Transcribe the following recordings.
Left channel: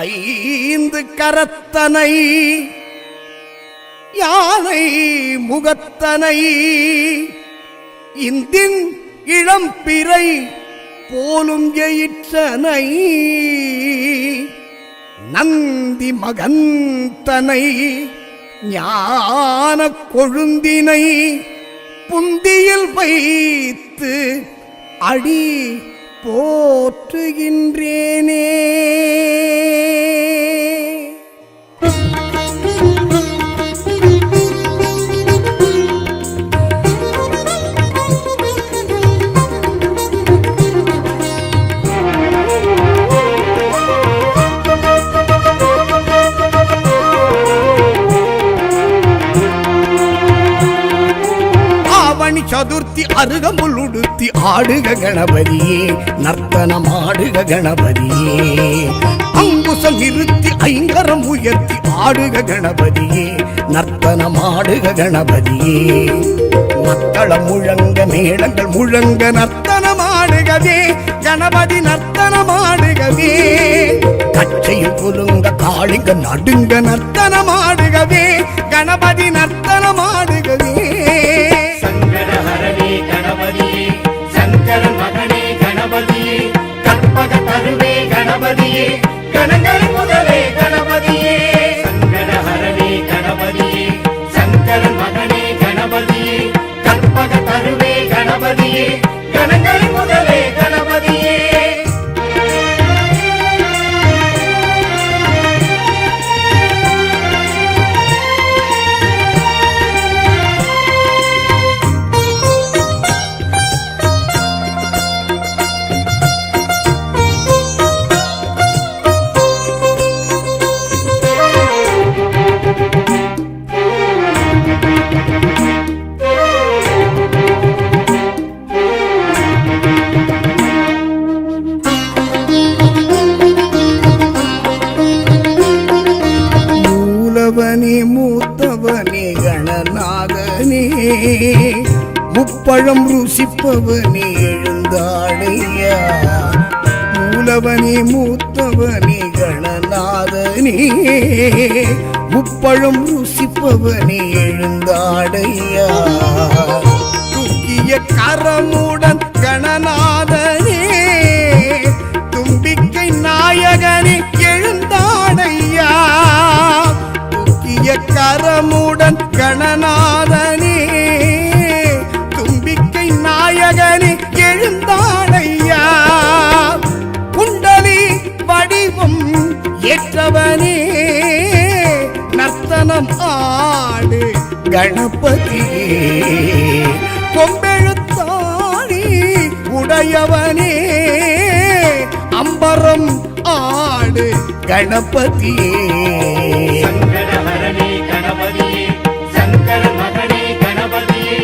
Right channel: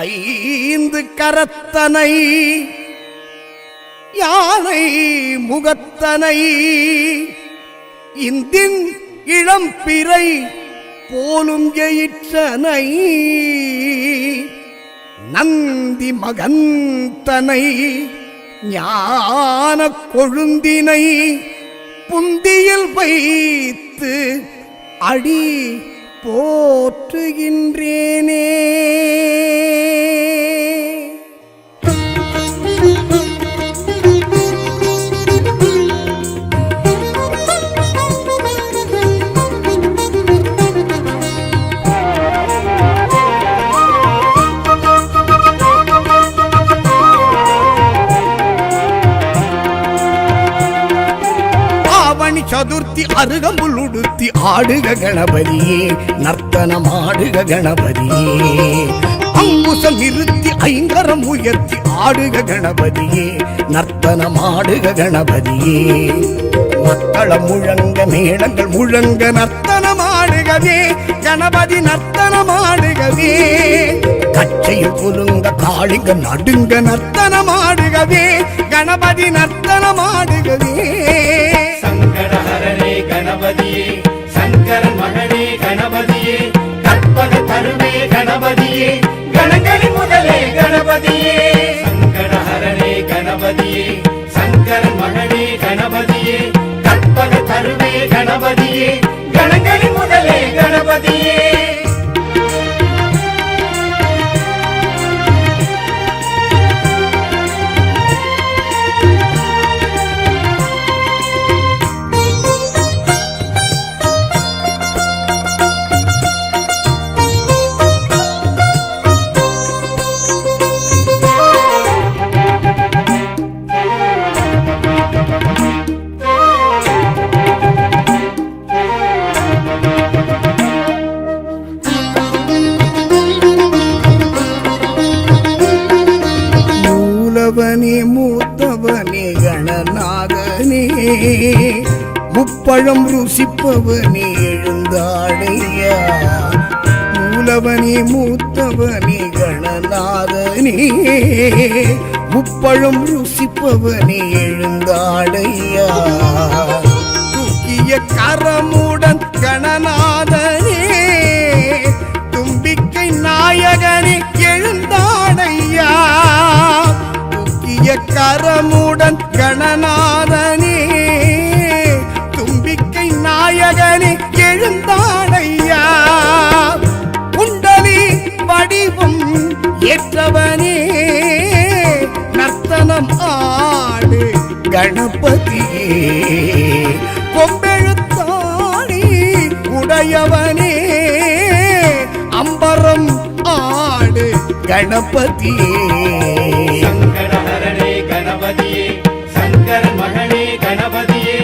ஐந்து கரத்தனை யானை முகத்தனை இந்தின் இளம்பிறை போலும் எயிற்றனை நந்தி மகந்தனை ஞான கொழுந்தினை புந்தியில் வைத்து அடி போற்றுகின்றேனே. சதுர்த்தி அருகம்புல் உடுத்தி ஆடுக கணபதியே, நர்த்தனமாடுக கணபதியே. அங்குசம் நிறுத்தி ஐங்கரம் உயர்த்தி ஆடுக கணபதியே, நர்த்தனமாடுக கணபதியே. மத்தளம் முழங்க மேளங்கள் முழங்க நர்த்தனமாடுகவே கணபதி, நர்த்தனமாடுகவே. கச்சையில் குலுங்க காளிங்க நடுங்க நர்த்தனமாடுகவே கணபதி, நர்த்தனமாடுகவே. கணபதியே சங்கரன் மகனே கணபதியே, கற்பக கருவே கணபதியே, கணங்களின் முதலே கணபதியே. சங்கரஹரனே கணபதியே சங்கரன் மகனே கணபதியே, கற்பக கருவே கணபதியே, கணங்களின் முதலே கணபதியே. மூத்தவனே கணநாதனே, முப்பழம் ருசிப்பவனே எழுந்தாடையா. மூலவனே மூத்தவனே கணநாதனே, முப்பழம் ருசிப்பவனே எழுந்தாடையா. தூக்கிய கரமுடன் கணநாதனே, தும்பிக்கை நாயகனே எழுந்தாடையா. கரமுடன் கணநாதனே, தும்பிக்கை நாயகனே எழுந்தாடையா. குண்டலி வடிவம் ஏற்றவனே, நர்த்தனம் ஆடு கணபதியே. கொம்பெழுத்தாணி உடையவனே, அம்பரம் ஆடு கணபதியே. சங்கரஹரனே கணபதியே சங்கரன் மகனே கணபதியே,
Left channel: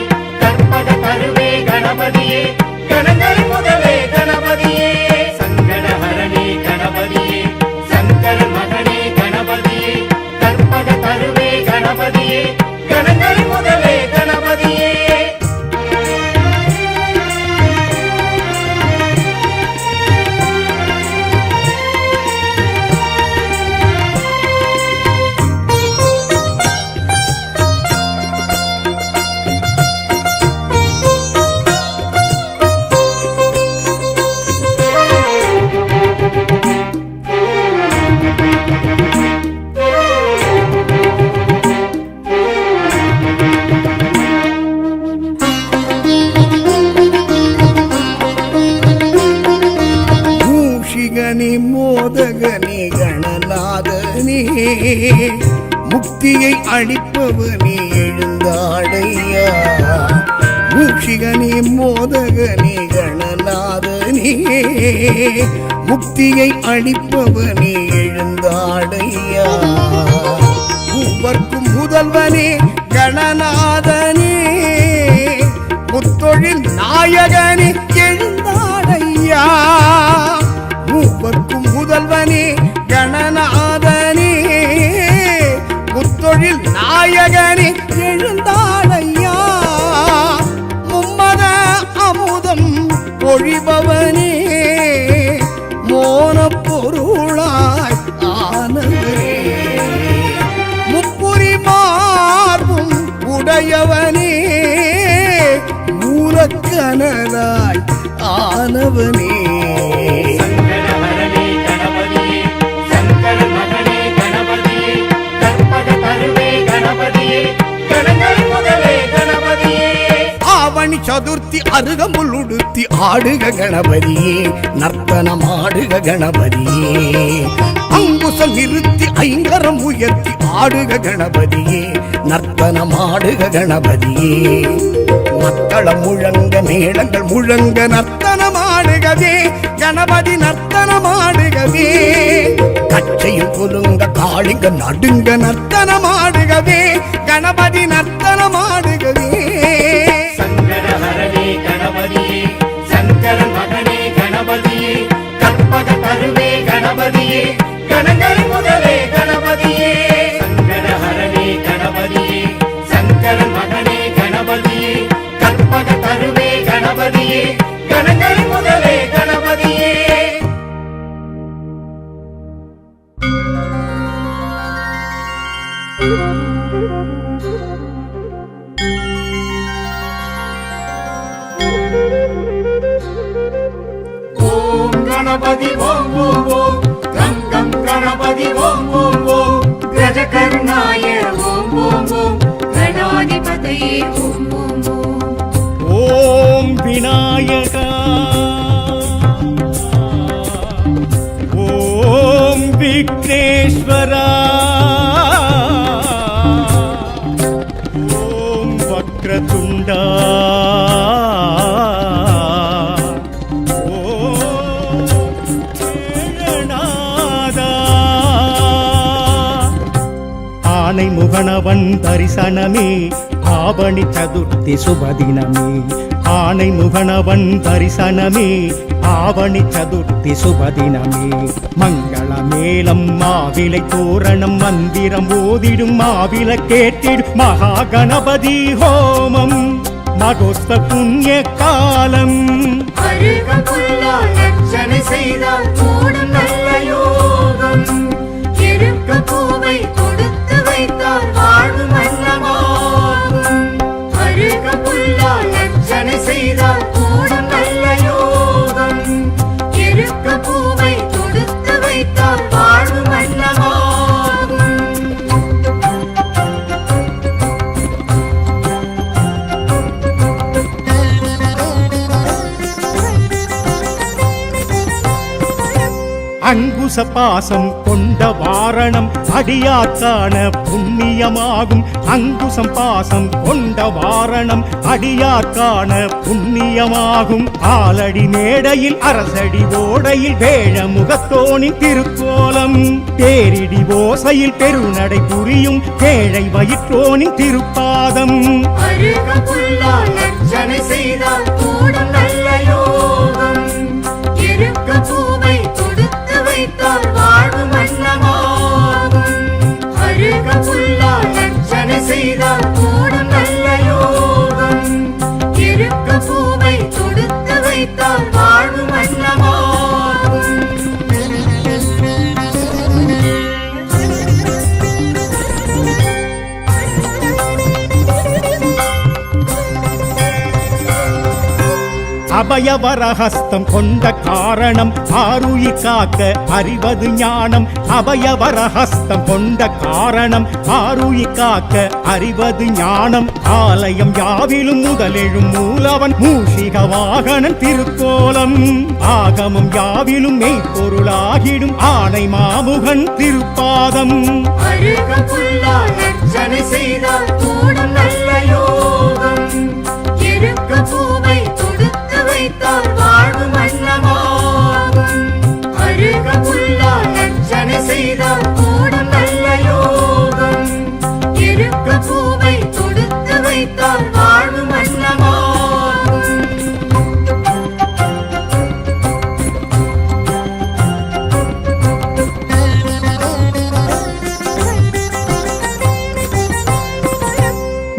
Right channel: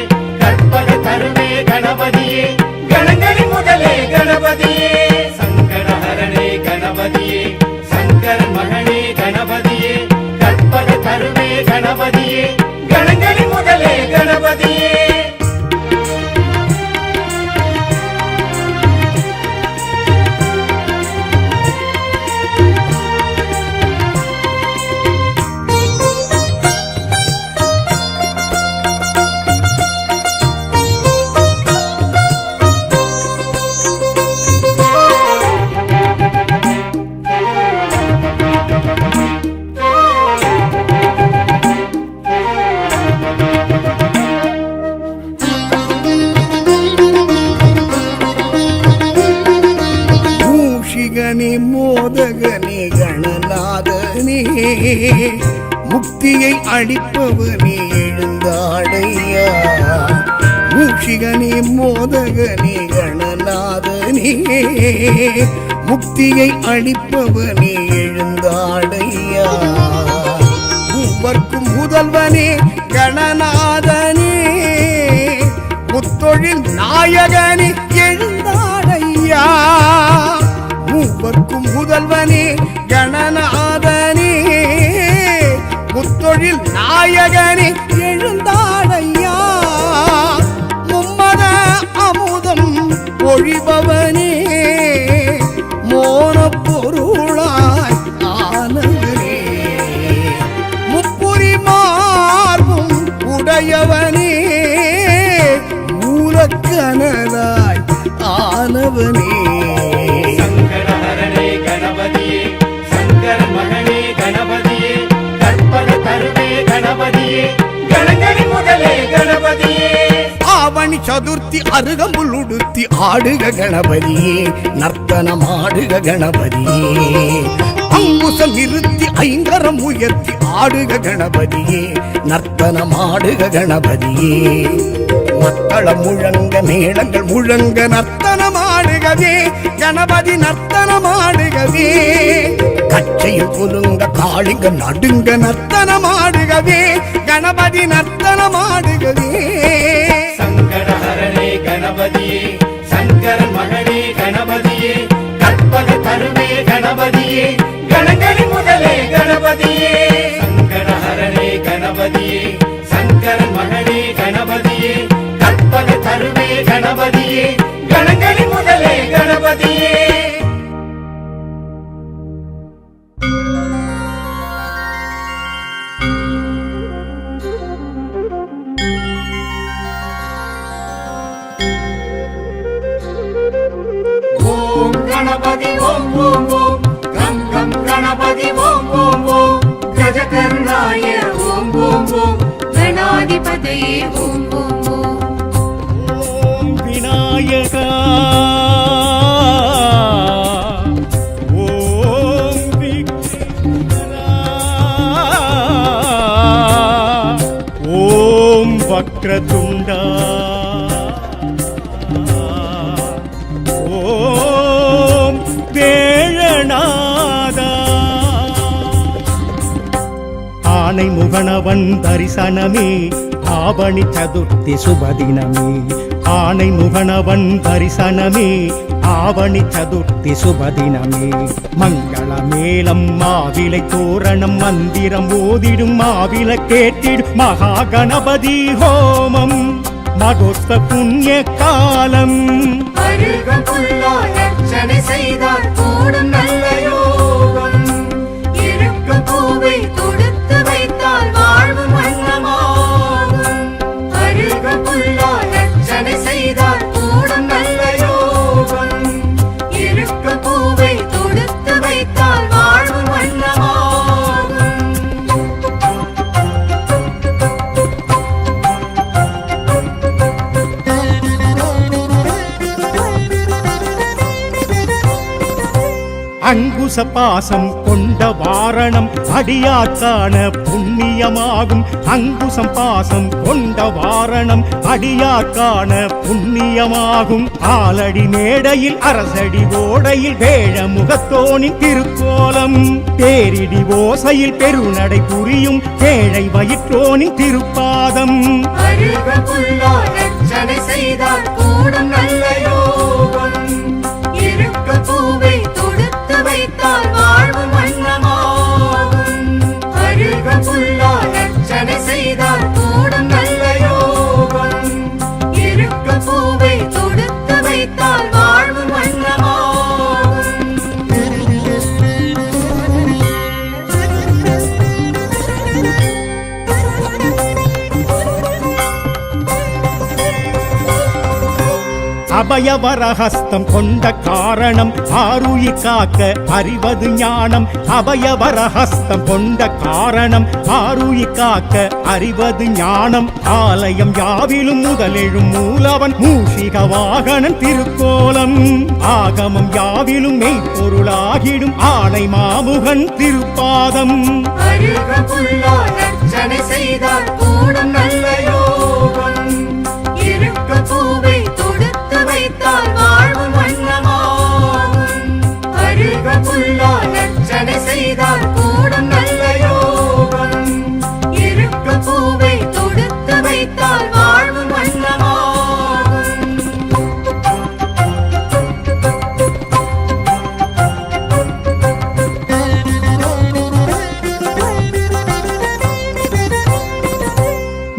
கற்பக கருவே கணபதியே, கணங்களின் முதலே கணபதியே. சங்கரஹரனே கணபதியே சங்கரன் மகனே கணபதியே, கற்பக கருவே கணபதியே, கணங்களின் முதலே கணபதியே. மோதகனே கணநாதனே, முக்தியை அளிப்பவனே எழுந்தாடையா. மூஷிகனே மோதகனே கணநாதனே, முக்தியை அளிப்பவனே எழுந்தாடையா. மூவர்க்கும் முதல்வனே கணநாதனே, முத்தொழில் நாயகனே எழுந்தாடையா. மூவர்க்கும் முதல்வனே கணநாதனே, முத்தொழில் நாயகனே எழுந்தாடையா. மும்மத அமுதம் பொழிபவனே, மோன பொருளாய் மாயவனே மூலக்கனலாய் ஆனவனே சங்கடஹரனே கணபதியே சங்கரன் மகனே கணபதியே கற்பக தருவே கணபதியே கணங்களின் முதலே கணபதியே ஆவணி சதுர்த்தி அருகம்புல் உடுத்தி ஆடுக கணபதியே நர்த்தனமாடுக கணபதியே அங்குசம் நிறுத்தி ஐங்கரம் உயர்த்தி ஆடுக கணபதியே நர்த்தனமாடுக கணபதியே மத்தளம் முழங்க மேளங்கள் முழங்க நர்த்தனமாடுகவே கணபதி நர்த்தனமாடுகவே கச்சையும் குலுங்க காளிங்க நடுங்க நர்த்தனமாடுகவே கணபதி நர்த்தனமாடுகவே சங்கடஹரனே கணபதியே சங்கரன் மகனே கணபதியே கற்பக தருவே கணபதியே கணங்களின் முதலே கணபதியே சங்கடஹரனே கணபதியே சங்கரன் மகனே கணபதியே கற்பக தருவே கணபதியே கணங்களின் முதலே கணபதியே ஓம் கணபதி ஓம் ஓம் ஓம் கங்கம் கணபதி ஓம் ஓம் ஓம் கஜகர்ணாய ஓம் ஓம் ஓம் கணாதிபதியே ஓம் ஓம் ஓம் ஓம் விநாயகா ஓம் விக்னேஸ்வரா ஓம் வக்ரதுண்டா ஓம் வேழநாதா ஆனை முகனவன் தரிசனமே ஆவணி சதுர்த்தி சுபதினமே ஆனை முகனவன் தரிசனமே ஆவணி சதுர்த்தி சுபதினமே மங்கள மேளம் மாவிலை தோரணம் மந்திரம் ஓதிடும் மாவில கேட்டிடும் மகா கணபதி ஹோமம் மகோத்ச புண்ணிய காலம் அழுக புல்லால் அர்ச்சனை செய்தால் கூடும் நல்ல யோகம் இருக்க பூவை கொடுத்து வைத்தால் வாழ்வு மன்னமாகும் அழுக புல்லால் அர்ச்சனை செய்தால் கூடும் நல்ல யோகம் இருக்க பூவை கொடுத்து வைத்தால் வாழ்வு மன்னமாகும் அங்குச பாசம் கொண்ட வாரணம் அடியார்க்கான புண்ணியமாகும் அங்குசம் பாசம் கொண்ட வாரணம் அடியார்க்கான புண்ணியமாகும் ஆலடி மேடையில் அரசடி ஓடையில் வேழ முகத்தோனின் திருக்கோலம் தேரிடி ஓசையில் பெருநடை புரியும் கேழை வயிற்றோனின் திருப்பாதம் அழுக புல்லால் அர்ச்சனை செய்தால் கூடும் நல்ல யோகம் இருக்க பூவை கொடுத்து வைத்தால் வாழ்வு மன்னமாகும் அழுக புல்லால் அர்ச்சனை செய்தால் கூடும் நல்ல யோகம் இருக்க பூவை கொடுத்து வைத்தால் வாழ்வு மன்னமாகும் அபயவரஹஸ்தம் கொண்ட காரணம் ஆருயிர் காக்க அறிவது ஞானம் அபயவரஹஸ்தம் கொண்ட காரணம் ஆருயிர் காக்க அறிவது ஞானம் ஆலயம் யாவிலும் முதலெழும் மூலவன் மூஷிக வாகனன் திருக்கோலம் ஆகமம் யாவிலும் மெய்ப்பொருளாகிடும் ஆணை மாமுகன் திருப்பாதம் அழுக புல்லால் அர்ச்சனை செய்தால் கூடும் நல்ல யோகம் இருக்க பூவை கொடுத்து வைத்தால் வாழ்வு மன்னமாகும் அழுக புல்லால் அர்ச்சனை செய்தால் கூடும் நல்ல யோகம் இருக்க பூவை கொடுத்து வைத்தால் வாழ்வு மன்னமாகும்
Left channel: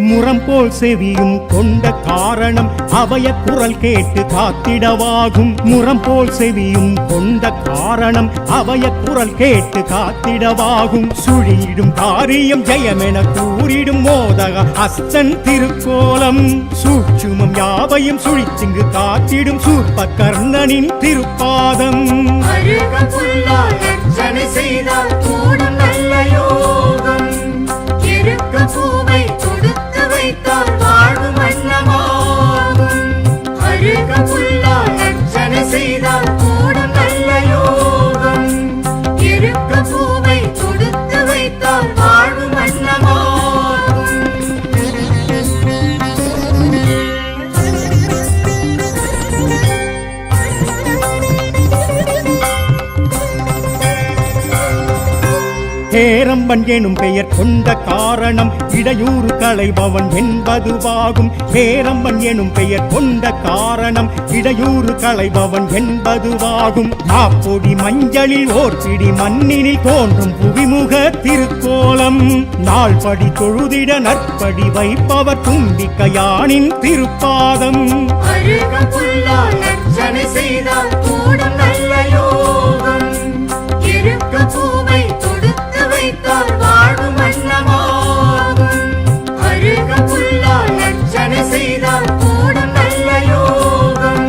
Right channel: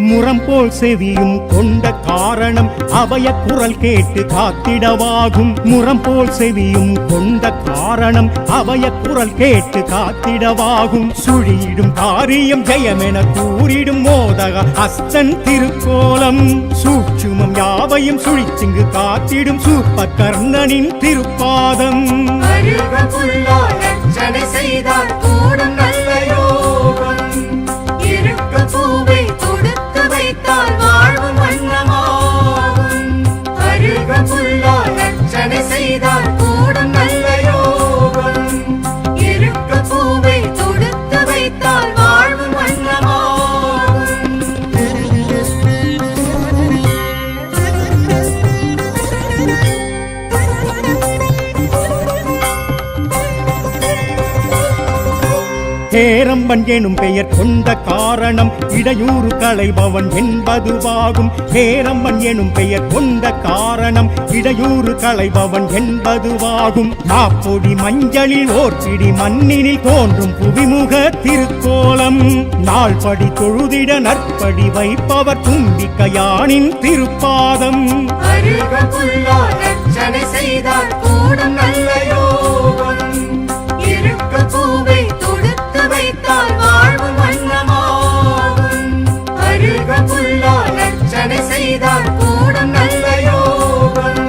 முரம் போல் செவியும் கொண்ட காரணம் அபய குரல் கேட்டு காத்திடவாகும். முரம் போல் செவியும் கொண்ட காரணம் அபய குரல் கேட்டு காத்திடவாகும். சுழியிடும் காரியம் ஜெயமென கூறிடும் மோதக அஸ்தன் திருக்கோலம். சூட்சுமம் யாவையும் சுழித்திங்கு காத்திடும் சூர்ப கர்ணனின் திருப்பாதம். அழுக புல்லால் அர்ச்சனை செய்தால் கூடும் நல்ல யோகம். இருக்க பூவை தொடுத்து வைத்தால் வாழ்வு மன்னமாகும். அழுக புல்லால் அர்ச்சனை செய்தால் கூடும் நல்ல யோகம். இருக்க பூவை தொடுத்து வைத்தால் வாழ்வு மன்னமாகும். ஹேரம்பன் எனும் பெயர் கொண்ட காரணம் இடையூறு களைபவன் என்பதுவாகும். ஹேரம்பன் எனும் பெயர் கொண்ட காரணம் இடையூறு களைபவன் என்பதுவாகும். மாப்பொடி மஞ்சளில் ஓர் பிடி மண்ணினில் தோன்றும் புவிமுக திருக்கோலம். நாள்படி தொழுதிட நற்படி வைப்பவர் தும்பிக்கையானின் திருப்பாதம். அழுக புல்லால் அர்ச்சனை செய்தால் கூடும் நல்ல யோகம். இருக்க பூவை தொடுத்து வைத்தால் வாழ்வு மன்னமாகும். அழுக புல்லால் அர்ச்சனை செய்தால் கூடும் நல்ல யோகம்.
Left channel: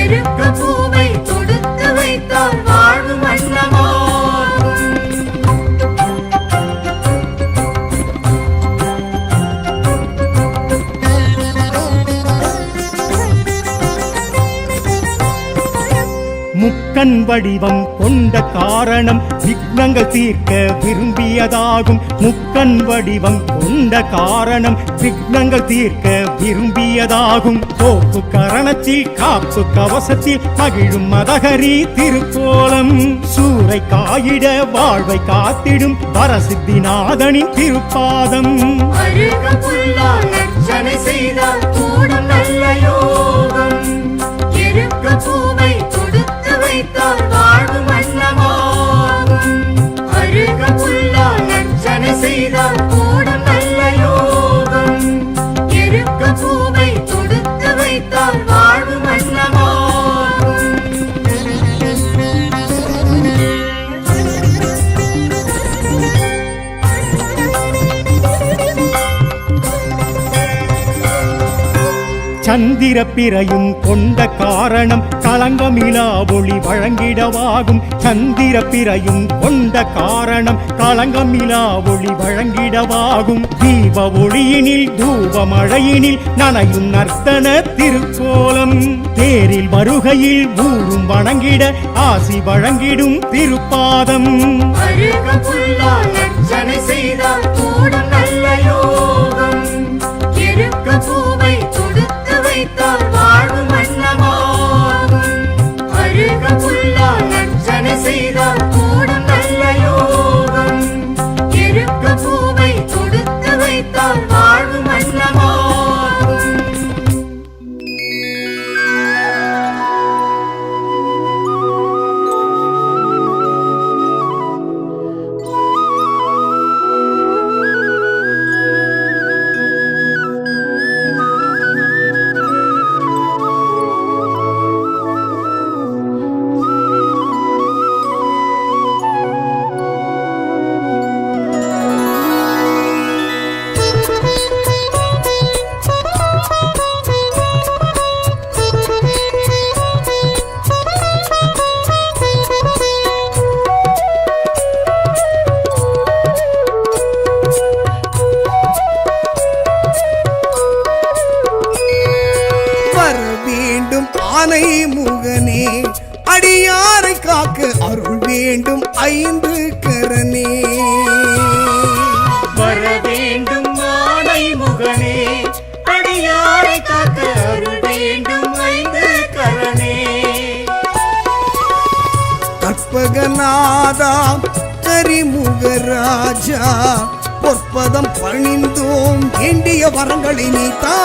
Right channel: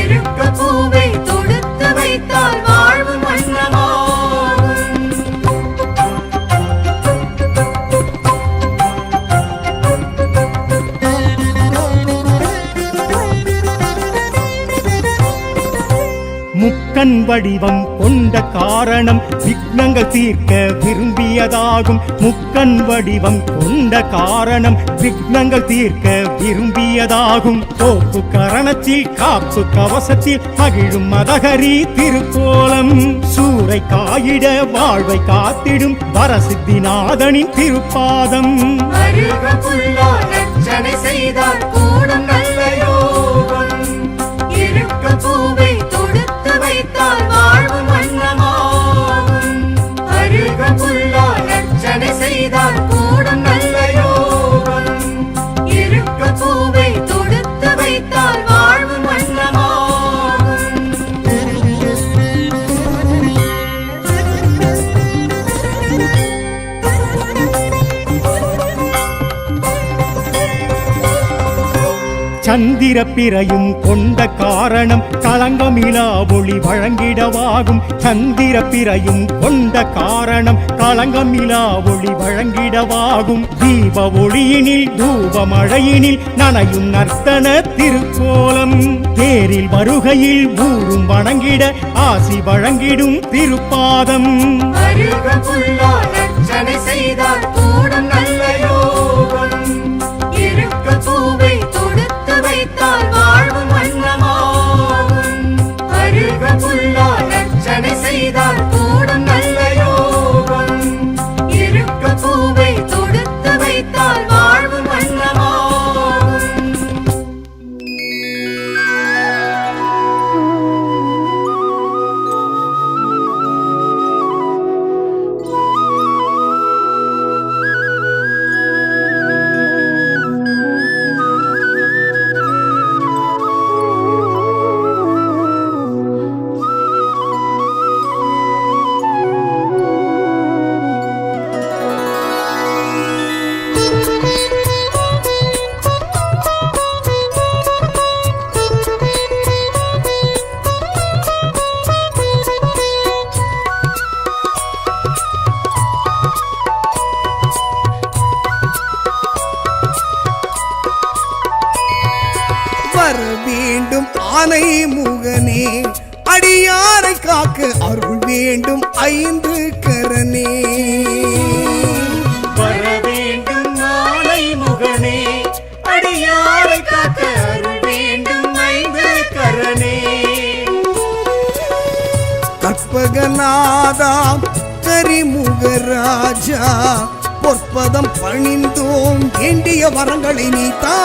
இருக்க பூவை தொடுத்து வைத்தால் வாழ்வு மன்னமாகும். முக்கண் வடிவம் கொண்ட காரணம் விக்னங்கள் தீர்க்க விரும்பியதாகும். முக்கண் வடிவம் கொண்ட காரணம் விக்னங்கள் தீர்க்க விரும்பியதாகும். தோப்பு கரணத்தில் காப்பு கவசத்தில் மகிழும் மதகரி திருக்கோலம். சூறை காயிட வாழ்வை காத்திடும் வரசித்திநாதனின் திருப்பாதம். அழுக புல்லால் அர்ச்சனை செய்தால் கூடும் நல்ல யோகம். இருக்க பூவை தொடுத்து வைத்தால் வாழ்வு மன்னமாகும். அழுக புல்லால் அர்ச்சனை செய்தால் கூடும் நல்ல யோகம். இருக்க பூவை தொடுத்து வைத்தால் வாழ்வு மன்னமாகும். சந்திர பிறையும் கொண்ட காரணம் களங்கமிலா ஒளி வழங்கிடவாகும். சந்திர பிறையும் கொண்ட காரணம் களங்கமிலா ஒளி வழங்கிடவாகும். தீப ஒளியினில் தூப மழையினில் நனையும் நர்த்தன திருக்கோலம். தேரில் வருகையில் ஊரும் வணங்கிட ஆசி வழங்கிடும் திருப்பாதம். அழுக புல்லால் அர்ச்சனை செய்தால் கூடும் நல்ல யோகம். இருக்க பூவை தொடுத்து வைத்தால் வாழ்வு மன்னமாகும். அழுக புல்லால் அர்ச்சனை செய்தால் கூடும் நல்ல யோகம். இருக்க பூவை தொடுத்து வைத்தால் வாழ்வு மன்னமாகும். வர வேண்டும் ஆனை முகனே, அடியாரை காக்க அருள் வேண்டும் ஐந்து கரனே. வர வேண்டும் ஆனை முகனே, அடியாரை காக்க அருள் வேண்டும் ஐந்து கரனே. கற்பகநாதா கரிமுகராஜா, பொற்பதம் பணிந்தோம் வேண்டிய வரங்களை நீத்தா.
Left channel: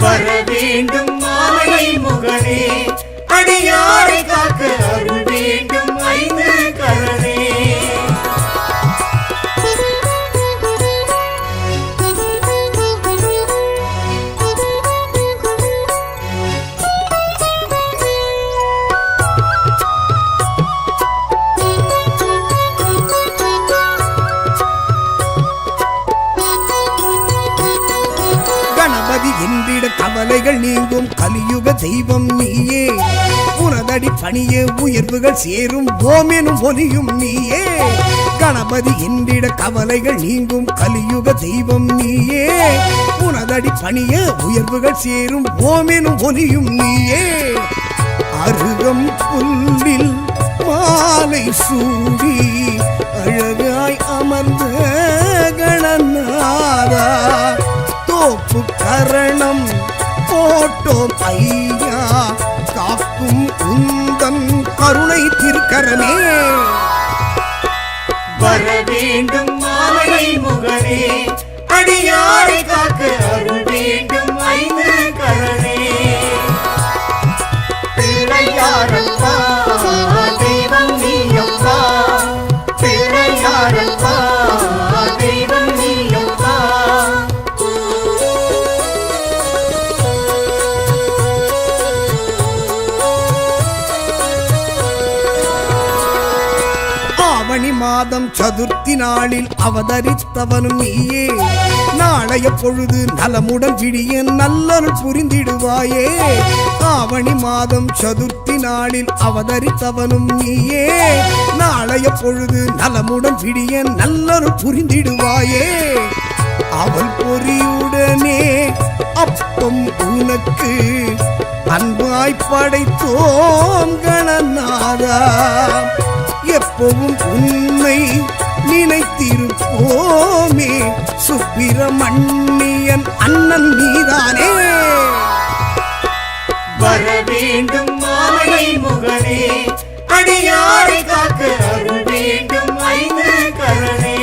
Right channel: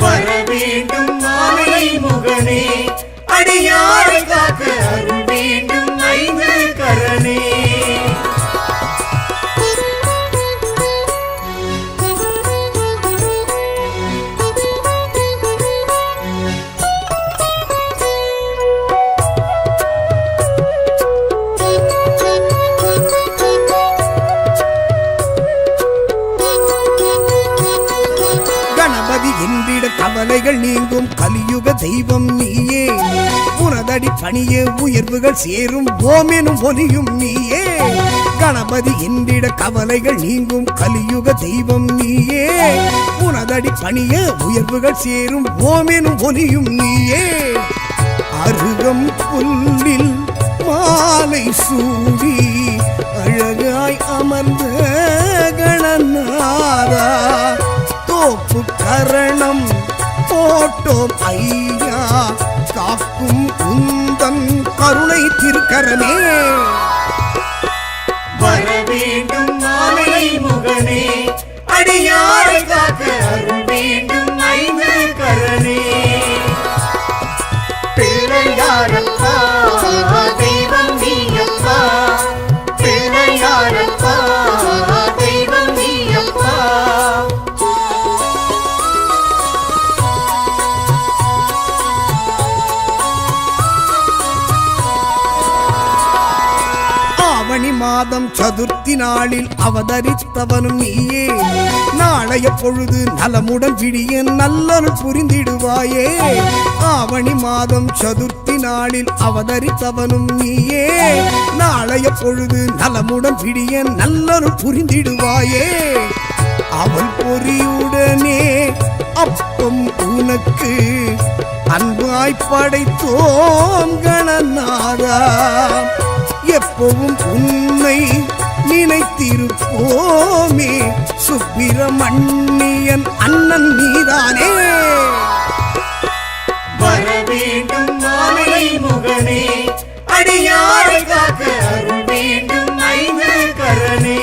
வர வேண்டும் ஆனை முகனே, அடியாரை காக்க அருள் வேண்டும் ஐந்து கரனே. என்றிட கவலைகள் நீங்கும் கலியுக தெய்வம் நீயே உனதடி பணியே உயர்வுகள் சேரும் ஓமெனும் ஒலியும் நீயே கணபதி என்றிட கவலைகள் நீங்கும் கலியுக தெய்வம் நீயே உனதடி பணியே உயர்வுகள் சேரும் ஓமெனும் ஒலியும் நீயே அருகம் புல்லில் மாலை சூடி அழகாய் அமர்ந்த கணநாதா தோப்பு கரணம் போட்டோம் ஐயா காக்கும் உந்தன் கருணை திருக்கரமே வர வேண்டும் மாலை முகனே அடியாரை காக்க அருள் வேண்டும் ஐந்து கரனே பிள்ளையாரப்பா தெய்வம் நீயப்பா பிள்ளையாரப்பா தெய்வம் நீயப்பா ஆவணி மாதம் சதுர்த்தி நாளில் அவதரித்தவனும் நீயே நாளைய பொழுது நலமுடன் விடிய நல்லருள் புரிந்திடுவாயே ஆவணி மாதம் சதுர்த்தி நாளில் அவதரித்தவனும் நீயே நாளைய பொழுது நலமுடன் விடிய நல்லருள் புரிந்திடுவாயே அவள் பொறியுடனே அப்பம் உனக்கு அன்பாய் படைத்தோம் கணநாதா எப்பவும் உன்னை நினைத்திருப்போமே சுப்பிரமணியன் அண்ணன் நீதானே வர வேண்டும் மாலை முகனே அடியாரை காக்க அருள் வேண்டும் ஐந்து கரனே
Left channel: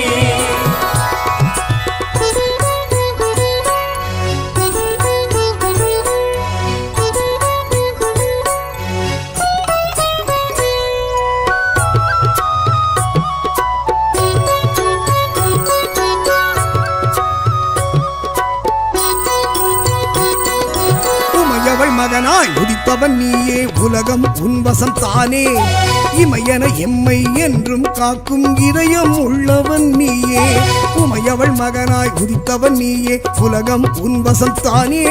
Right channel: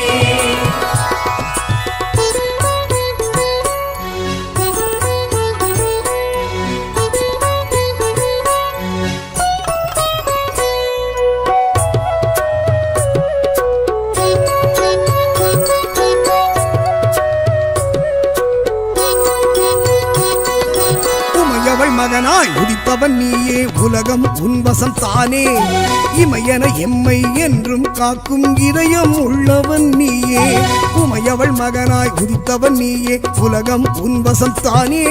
உமையவள் மகனாய் உதித்தவன் நீயே உலகம் உன்வசம் தானே இமையன எம்மை என்றும் காக்கும் இதயம் உள்ளவன் நீயே உமையவள் மகனாய் உதித்தவன் நீயே உலகம் உன்வசம் தானே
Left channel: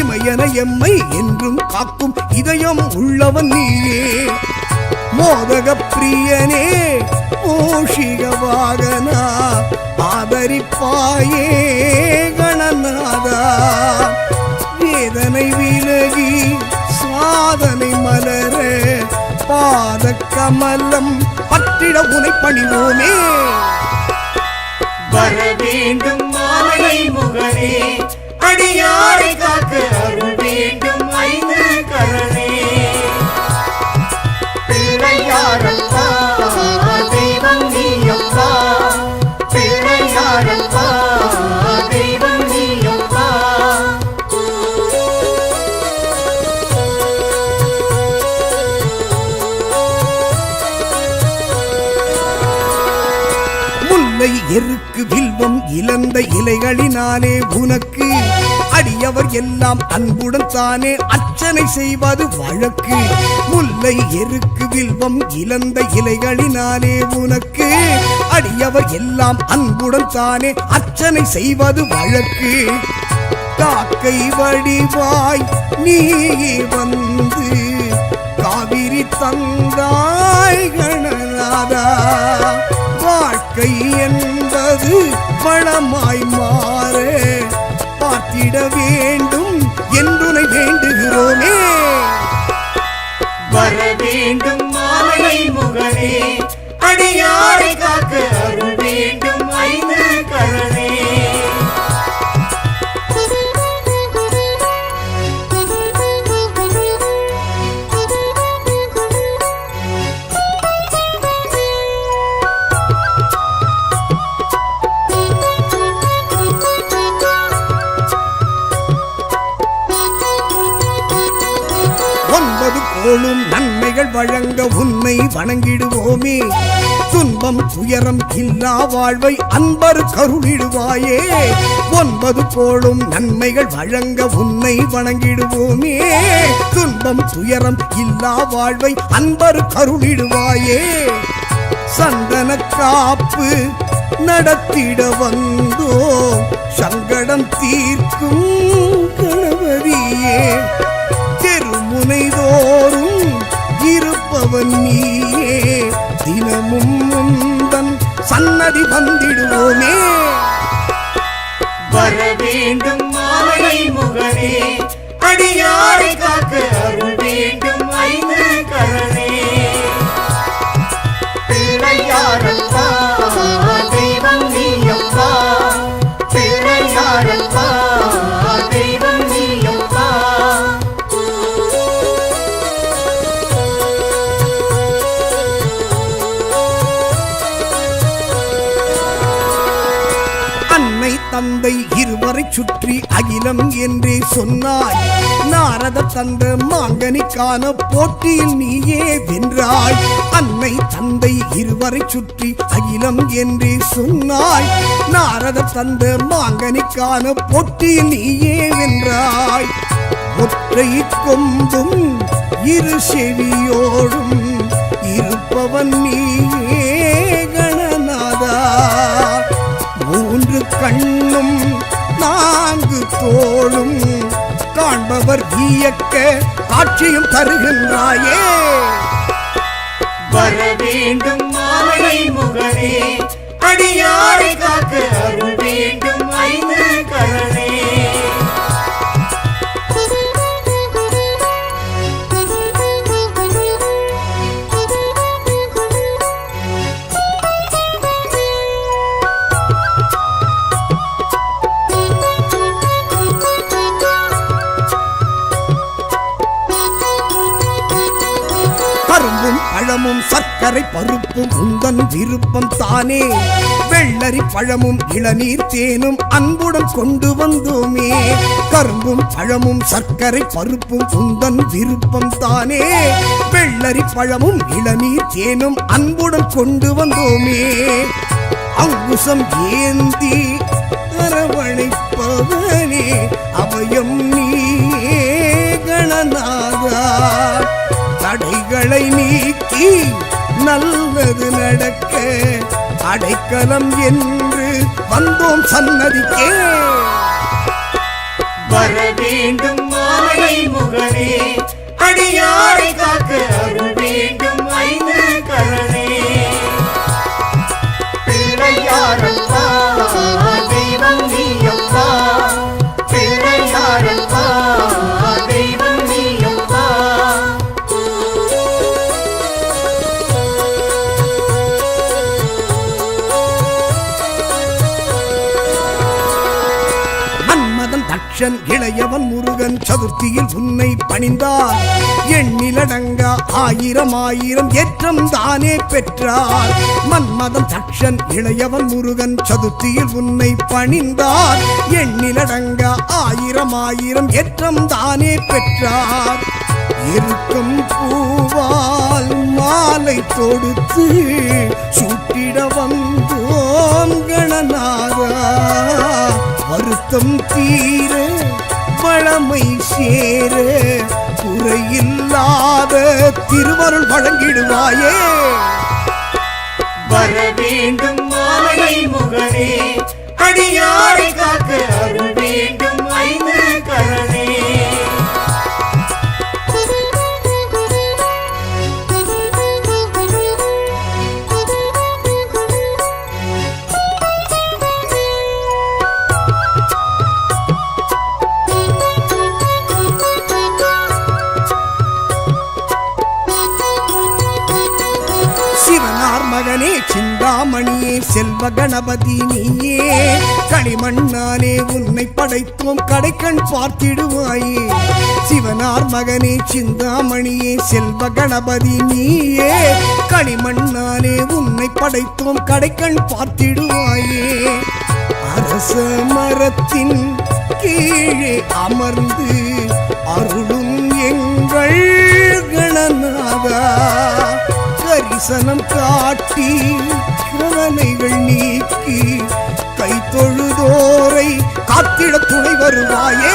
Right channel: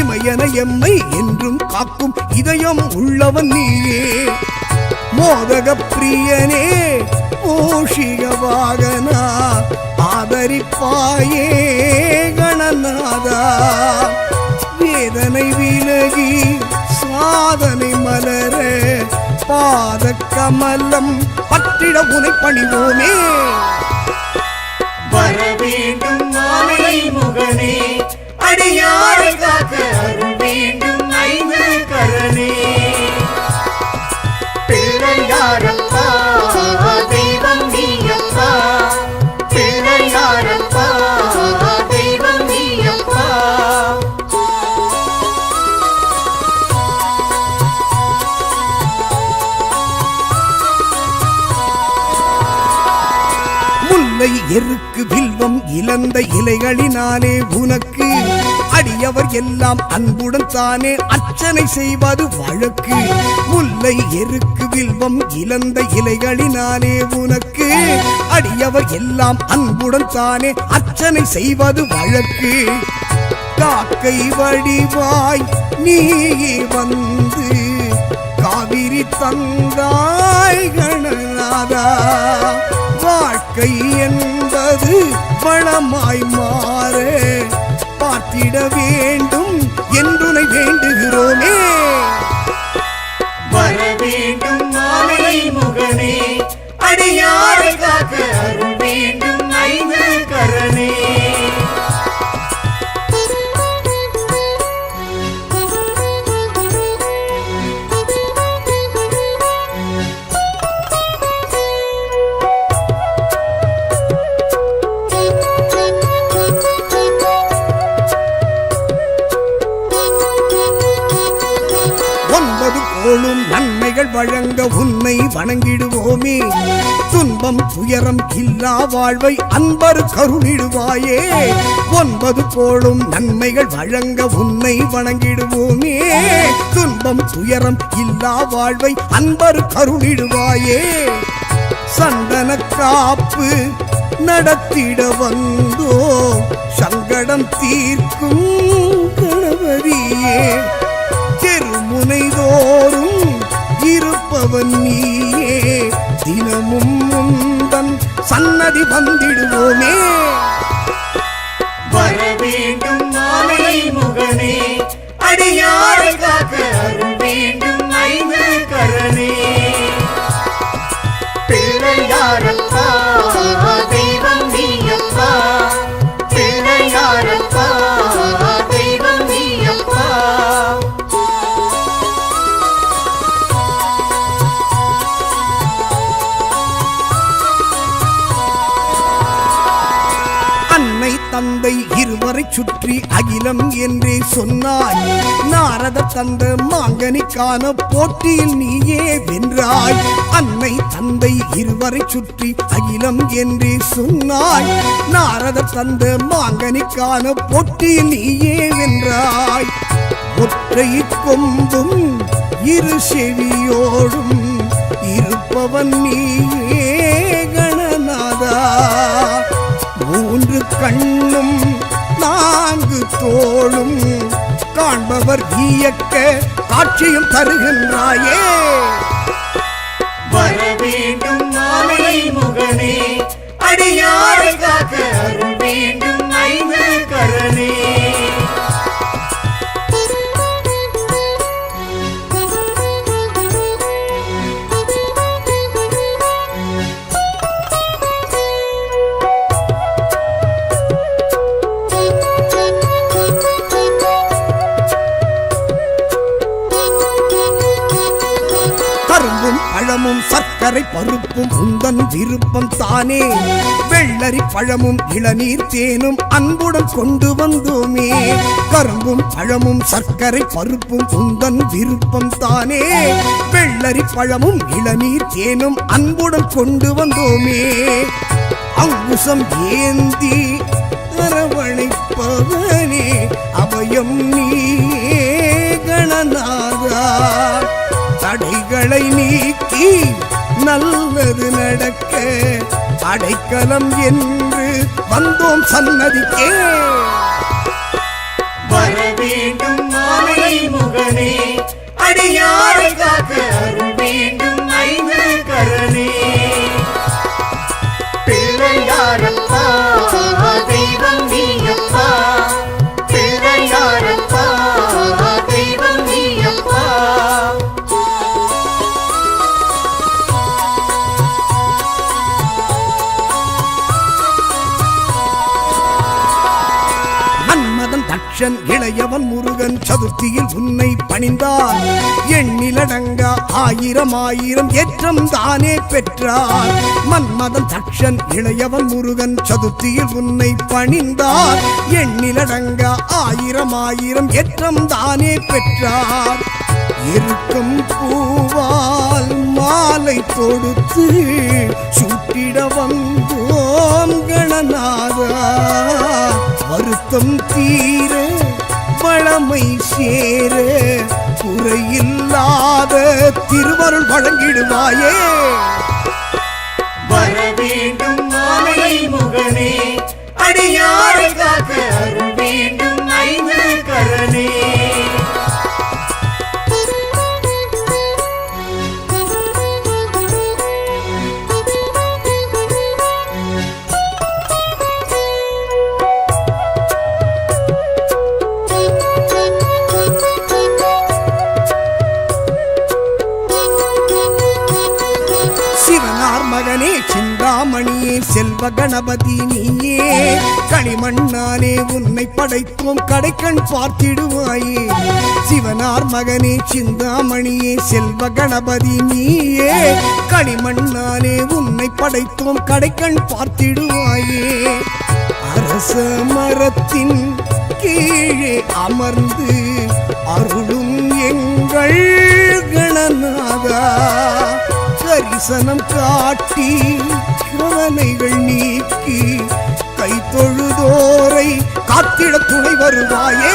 இமையன எம்மை என்றும் காக்கும் இதயம் உள்ளவன் நீயே மோதக பிரியனே மூஷிக வாகனா ஆதரிப்பாயே கணநாதா வேதனை விலகி சாதனை மலர பாத கமலம் பற்றிட உனை பணிவோமே வர வேண்டும் மாலை முகனே அடியாரை காக்க அருள் வேண்டும் ஐந்து கரனே பிள்ளையாரப்பா தெய்வம் நீயப்பா பிள்ளையாரப்பா தெய்வம் நீயப்பா முல்லை எருக்கு வில்வம் இழந்த இலைகளினாலே உனக்கு அடியவர் எல்லாம் அன்புடன் தானே அர்ச்சனை செய்வது வழக்கு முல்லை எருக்கு வில்வம் இழந்த இலைகளினாலே உனக்கு அடியவர் எல்லாம் அன்புடன் தானே அர்ச்சனை செய்வது வழக்கு காக்கை வடிவாய் நீ வந்து காவிரி தந்தாய் கணநாதா வாழ்க்கை என்பது வளமாய் மாற பார்த்திட வேண்டும் என்றுனை வேண்டுகிறோமே வர வேண்டும் மாலை முகனே அடியாரை காக்க அருள் வேண்டும் ஐந்து கரனே ஒன்பது கோளும் நன்மைகள் வழங்க உன்னை வணங்கிடுவோமே துன்பம் துயரம் இல்லா வாழ்வை அன்பர் கருளிடுவாயே ஒன்பது கோளும் நன்மைகள் வழங்க உன்னை வணங்கிடுவோமே துன்பம் துயரம் இல்லா வாழ்வை அன்பர் கருளிடுவாயே சந்தன காப்பு நடத்திட வந்தோம் சங்கடம் தீர்க்கும் கணபதியே. தெருமுனைதோறும் இருப்பவன் நீயே, தினமும் முந்தன் சன்னதி வந்திடுவோமே. வர வேண்டும் மாலை முகனே, அடியாரை காக்க அருள் வேண்டும் ஐந்து கரனே. பிள்ளையாரப்பா தெய்வம் நீயப்பா, பிள்ளையாரப்பா தெய்வம் நீயப்பா. அன்னை தந்தை இருவரை சுற்றி அகிலம் என்றே சொன்னாய். நாரத தந்த மாங்கனிக்கான போட்டியில் நீயே வென்றாய். அன்னை தந்தை இருவரை சுற்றி அகிலம் என்றே சொன்னாய். நாரத தந்த மாங்கனிக்கான போட்டியில் நீயே வென்றாய். ஒற்றை கொம்பும் இரு செவியோடும் இருப்பவன் நீயே கணநாதா. மூன்று கண்ணும் நான்கு தோளும் காண்பவர் வியக்க காட்சியும் தருகின்றாயே. வர வேண்டும் மாலை முகனே, அடியாரை காக்க அருள் வேண்டும் ஐந்து கரனே. கரும்பும் பழமும் சர்க்கரை பருப்பும் உந்தன் விருப்பம் தானே. வெள்ளரி பழமும் இளநீர் தேனும் அன்புடன் கொண்டு வந்தோமே. கரும்பும் பழமும் சர்க்கரை பருப்பும் உந்தன் விருப்பம் தானே. வெள்ளரி பழமும் இளநீர் தேனும் அன்புடன் கொண்டு வந்தோமே. அங்குசம் ஏந்தி அரவணைப்பவனே அபயம் நீயே கணநாதா. தடைகளை நீக்கி நல்லது நடக்க அடைக்கலம் என்று வந்தோம் சன்னதிக்கே. வர வேண்டும் மாலை முகனே, அடியாரை காக்க அருள் வேண்டும் ஐந்து கரனே. பிள்ளையாரப்பா தெய்வம் நீயப்பா, பிள்ளையாரப்பா தெய்வம் நீயப்பா. மன்மதன் தட்சன் இளையவன் முருகன் சதுர்த்தியில் உன்னை பணிந்தார். எண்ணிலடங்கா ஆயிரம் ஆயிரம் ஏற்றம் தானே பெற்றார். மன்மதன் தட்சன் இளையவன் முருகன் சதுர்த்தியில் உன்னை பணிந்தார். எண்ணிலடங்கா ஆயிரம் ஆயிரம் ஏற்றம் தானே பெற்றார். இருக்கும் பூவால் மாலை தொடுத்து சூட்டிட வந்தோம் கணநாதா. வருத்தம் தீர வளமை சேர குறையில்லாத திருவருள் வழங்கிடுவாயே. வர வேண்டும் மாலை முகனே, அடியாரை காக்க அருள் வேண்டும் ஐந்து கரனே. சிவனார் மகனே சிந்தாமணியே செல்வ கணபதி நீயே. களிமண்ணாலே உன்னை படைத்தோம் கடைக்கண் பார்த்திடுவாயே. சிவனார் மகனே சிந்தாமணியே செல்வ கணபதி நீயே. களிமண்ணாலே உன்னை படைத்தோம் கடைக்கண் பார்த்திடுவாயே. அரச மரத்தின் கீழே அமர்ந்து அருளும் எங்கள் கணநாதா. கரிசனம் காட்டி கவலைகள் நீக்கி கை தொழுதோரை காத்திட துணை வருவாயே.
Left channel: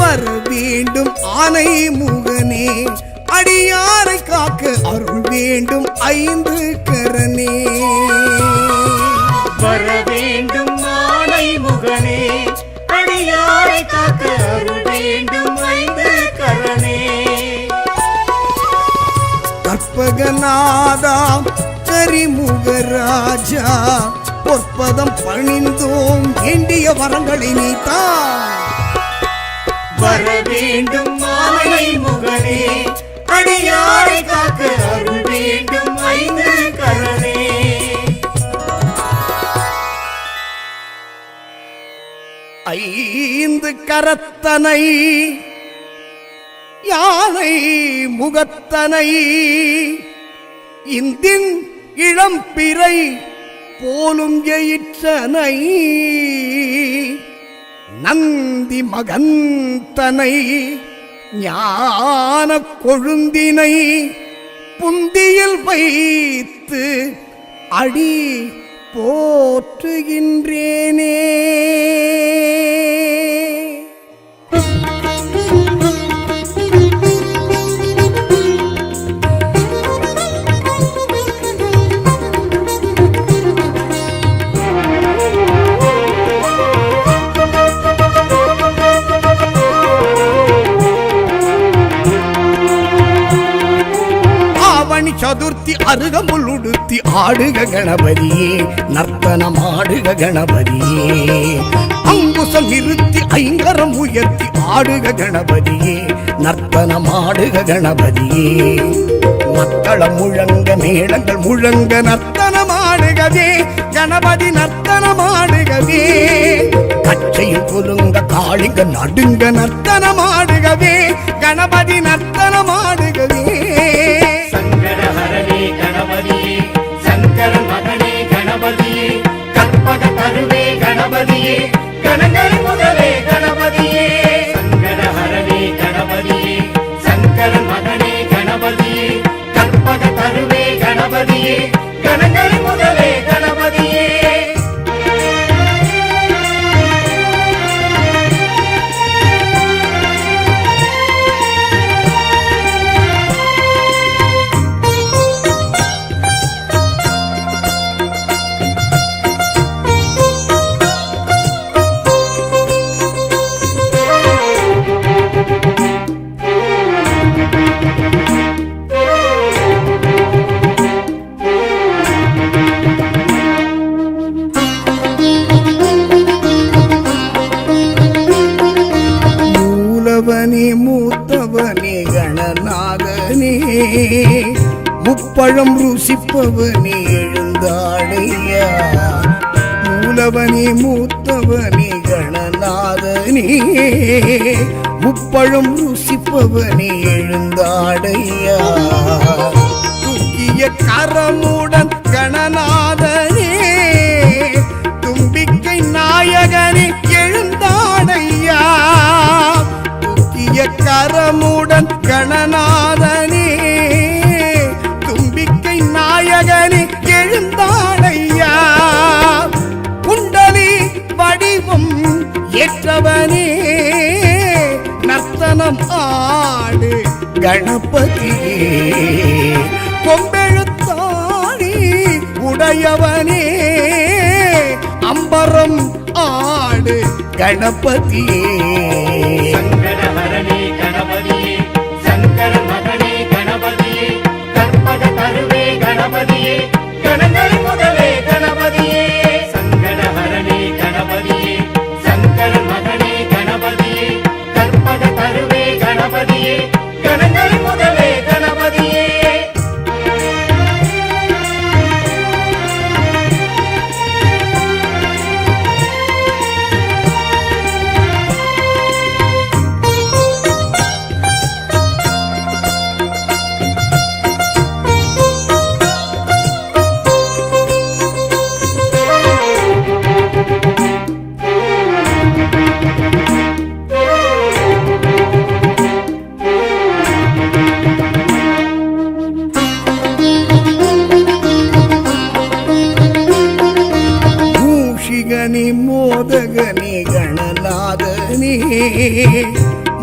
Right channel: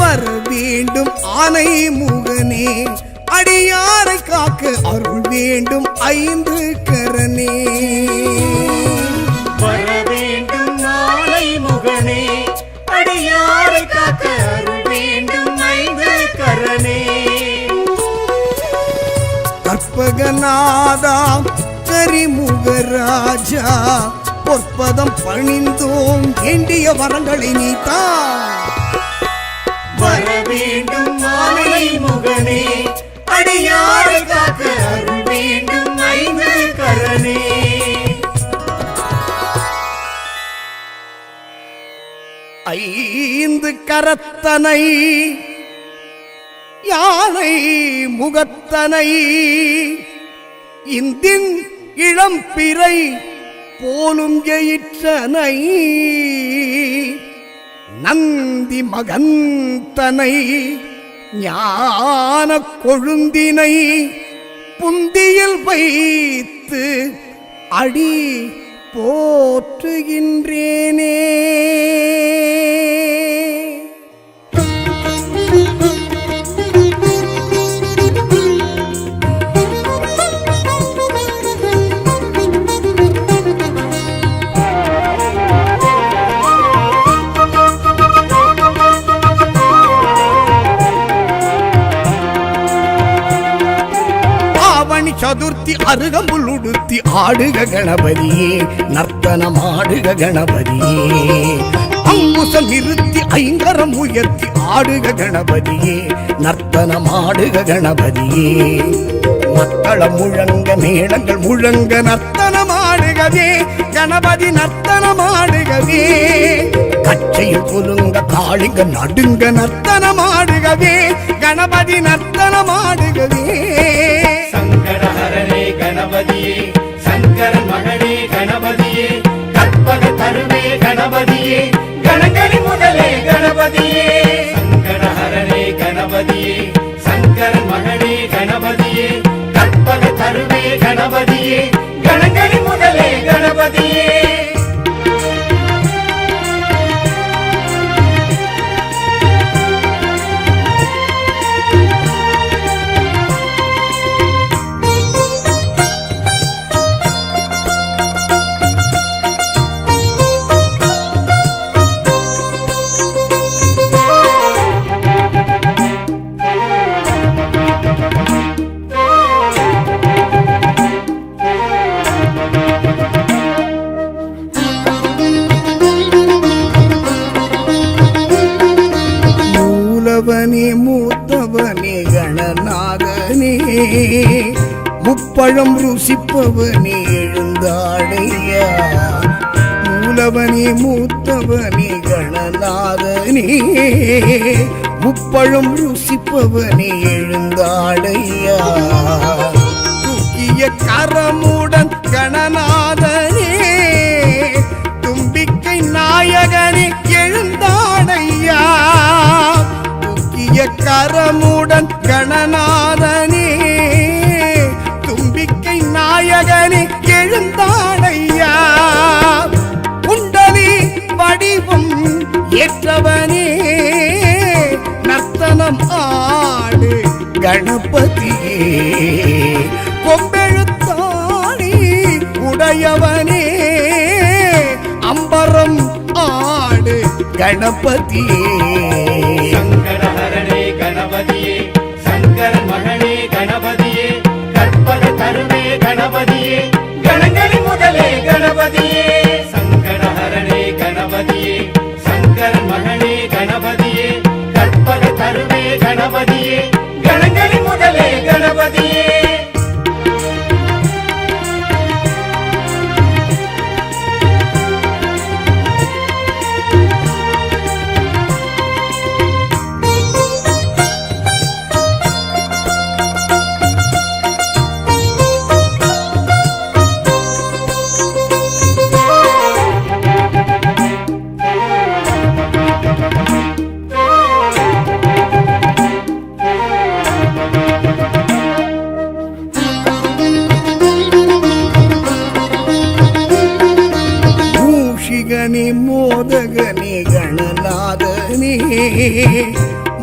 வர வேண்டும் ஆனை முகனே, அடியாரை காக்க அருள் வேண்டும் ஐந்து கரனே. வர வேண்டும் மாலை முகனே, அடியாரை காக்க அருள் வேண்டும் ஐந்து கரனே. கற்பகநாதா கரிமுகராஜா, பொற்பதம் பணிந்தோம் வேண்டிய வரங்களை நீத்தா. வர வேண்டும் மாலை முகனே, அடியாரை காக்க அருள் வேண்டும் ஐந்து கரனே. ஐந்து கரத்தனை யானை முகத்தனை, இந்தின் இளம்பிறை போலும் எயிற்றனை, நந்தி மகந்தனை ஞான கொழுந்தினை, புந்தியில் வைத்து அடி போற்றுகின்றேனே. சதுர்த்தி அருகம்புல் உடுத்தி ஆடுக கணபதியே, நர்த்தனமாடுக கணபதியே. அங்குசம் நிறுத்தி ஐங்கரம் உயர்த்தி ஆடுக கணபதியே, நர்த்தனமாடுக கணபதியே. மத்தளம் முழங்க மேளங்கள் முழங்க நர்த்தனமாடுகவே கணபதி, நர்த்தனமாடுகவே. கச்சையில் குலுங்க காளிங்க நடுங்க நர்த்தனமாடுகவே கணபதி, நர்த்தனமாடுகவே. சங்கரஹரனே கணபதியே, சங்கரன் மகனே கணபதியே, கற்பக கருவே கணபதியே, கணங்கரி முதலே கணபதியே. சங்கரஹரனே கணபதியே, சங்கரன் மகனே கணபதியே, கற்பக கருவே கணபதியே, கணங்கரி முதலே கணபதியே. மூலவனே மூத்தவனே கணநாதனே, முப்பழம் ருசிப்பவனே எழுந்தாடையா. மூலவனே மூத்தவனே கணநாதனே, முப்பழம் ருசிப்பவனே எழுந்தாடையா. தூக்கிய கரமுடன் கணநாதனே, தும்பிக்கை நாயகனே எழுந்தாடையா. தூக்கிய கரமுடன் கணநாதனே, தும்பிக்கை நாயகனே எழுந்தாடையா. குண்டலி வடிவம் ஏற்றவனே, நர்த்தனம் ஆடு கணபதியே. கொம்பெழுத்தாணி உடையவனே, அம்பரம் ஆடு கணபதியே. சங்கரஹரனே கணபதியே, சங்கரன் மகனே கணபதியே, கற்பக கருவே கணபதியே, கணங்கரி முதலே கணபதியே. சங்கரஹரனே கணபதியே, சங்கரன் மகனே கணபதியே, கற்பக கருவே கணபதியே, கணங்கரி முதலே கணபதியே. மூஷிகனே மோதகனே கணநாதனே,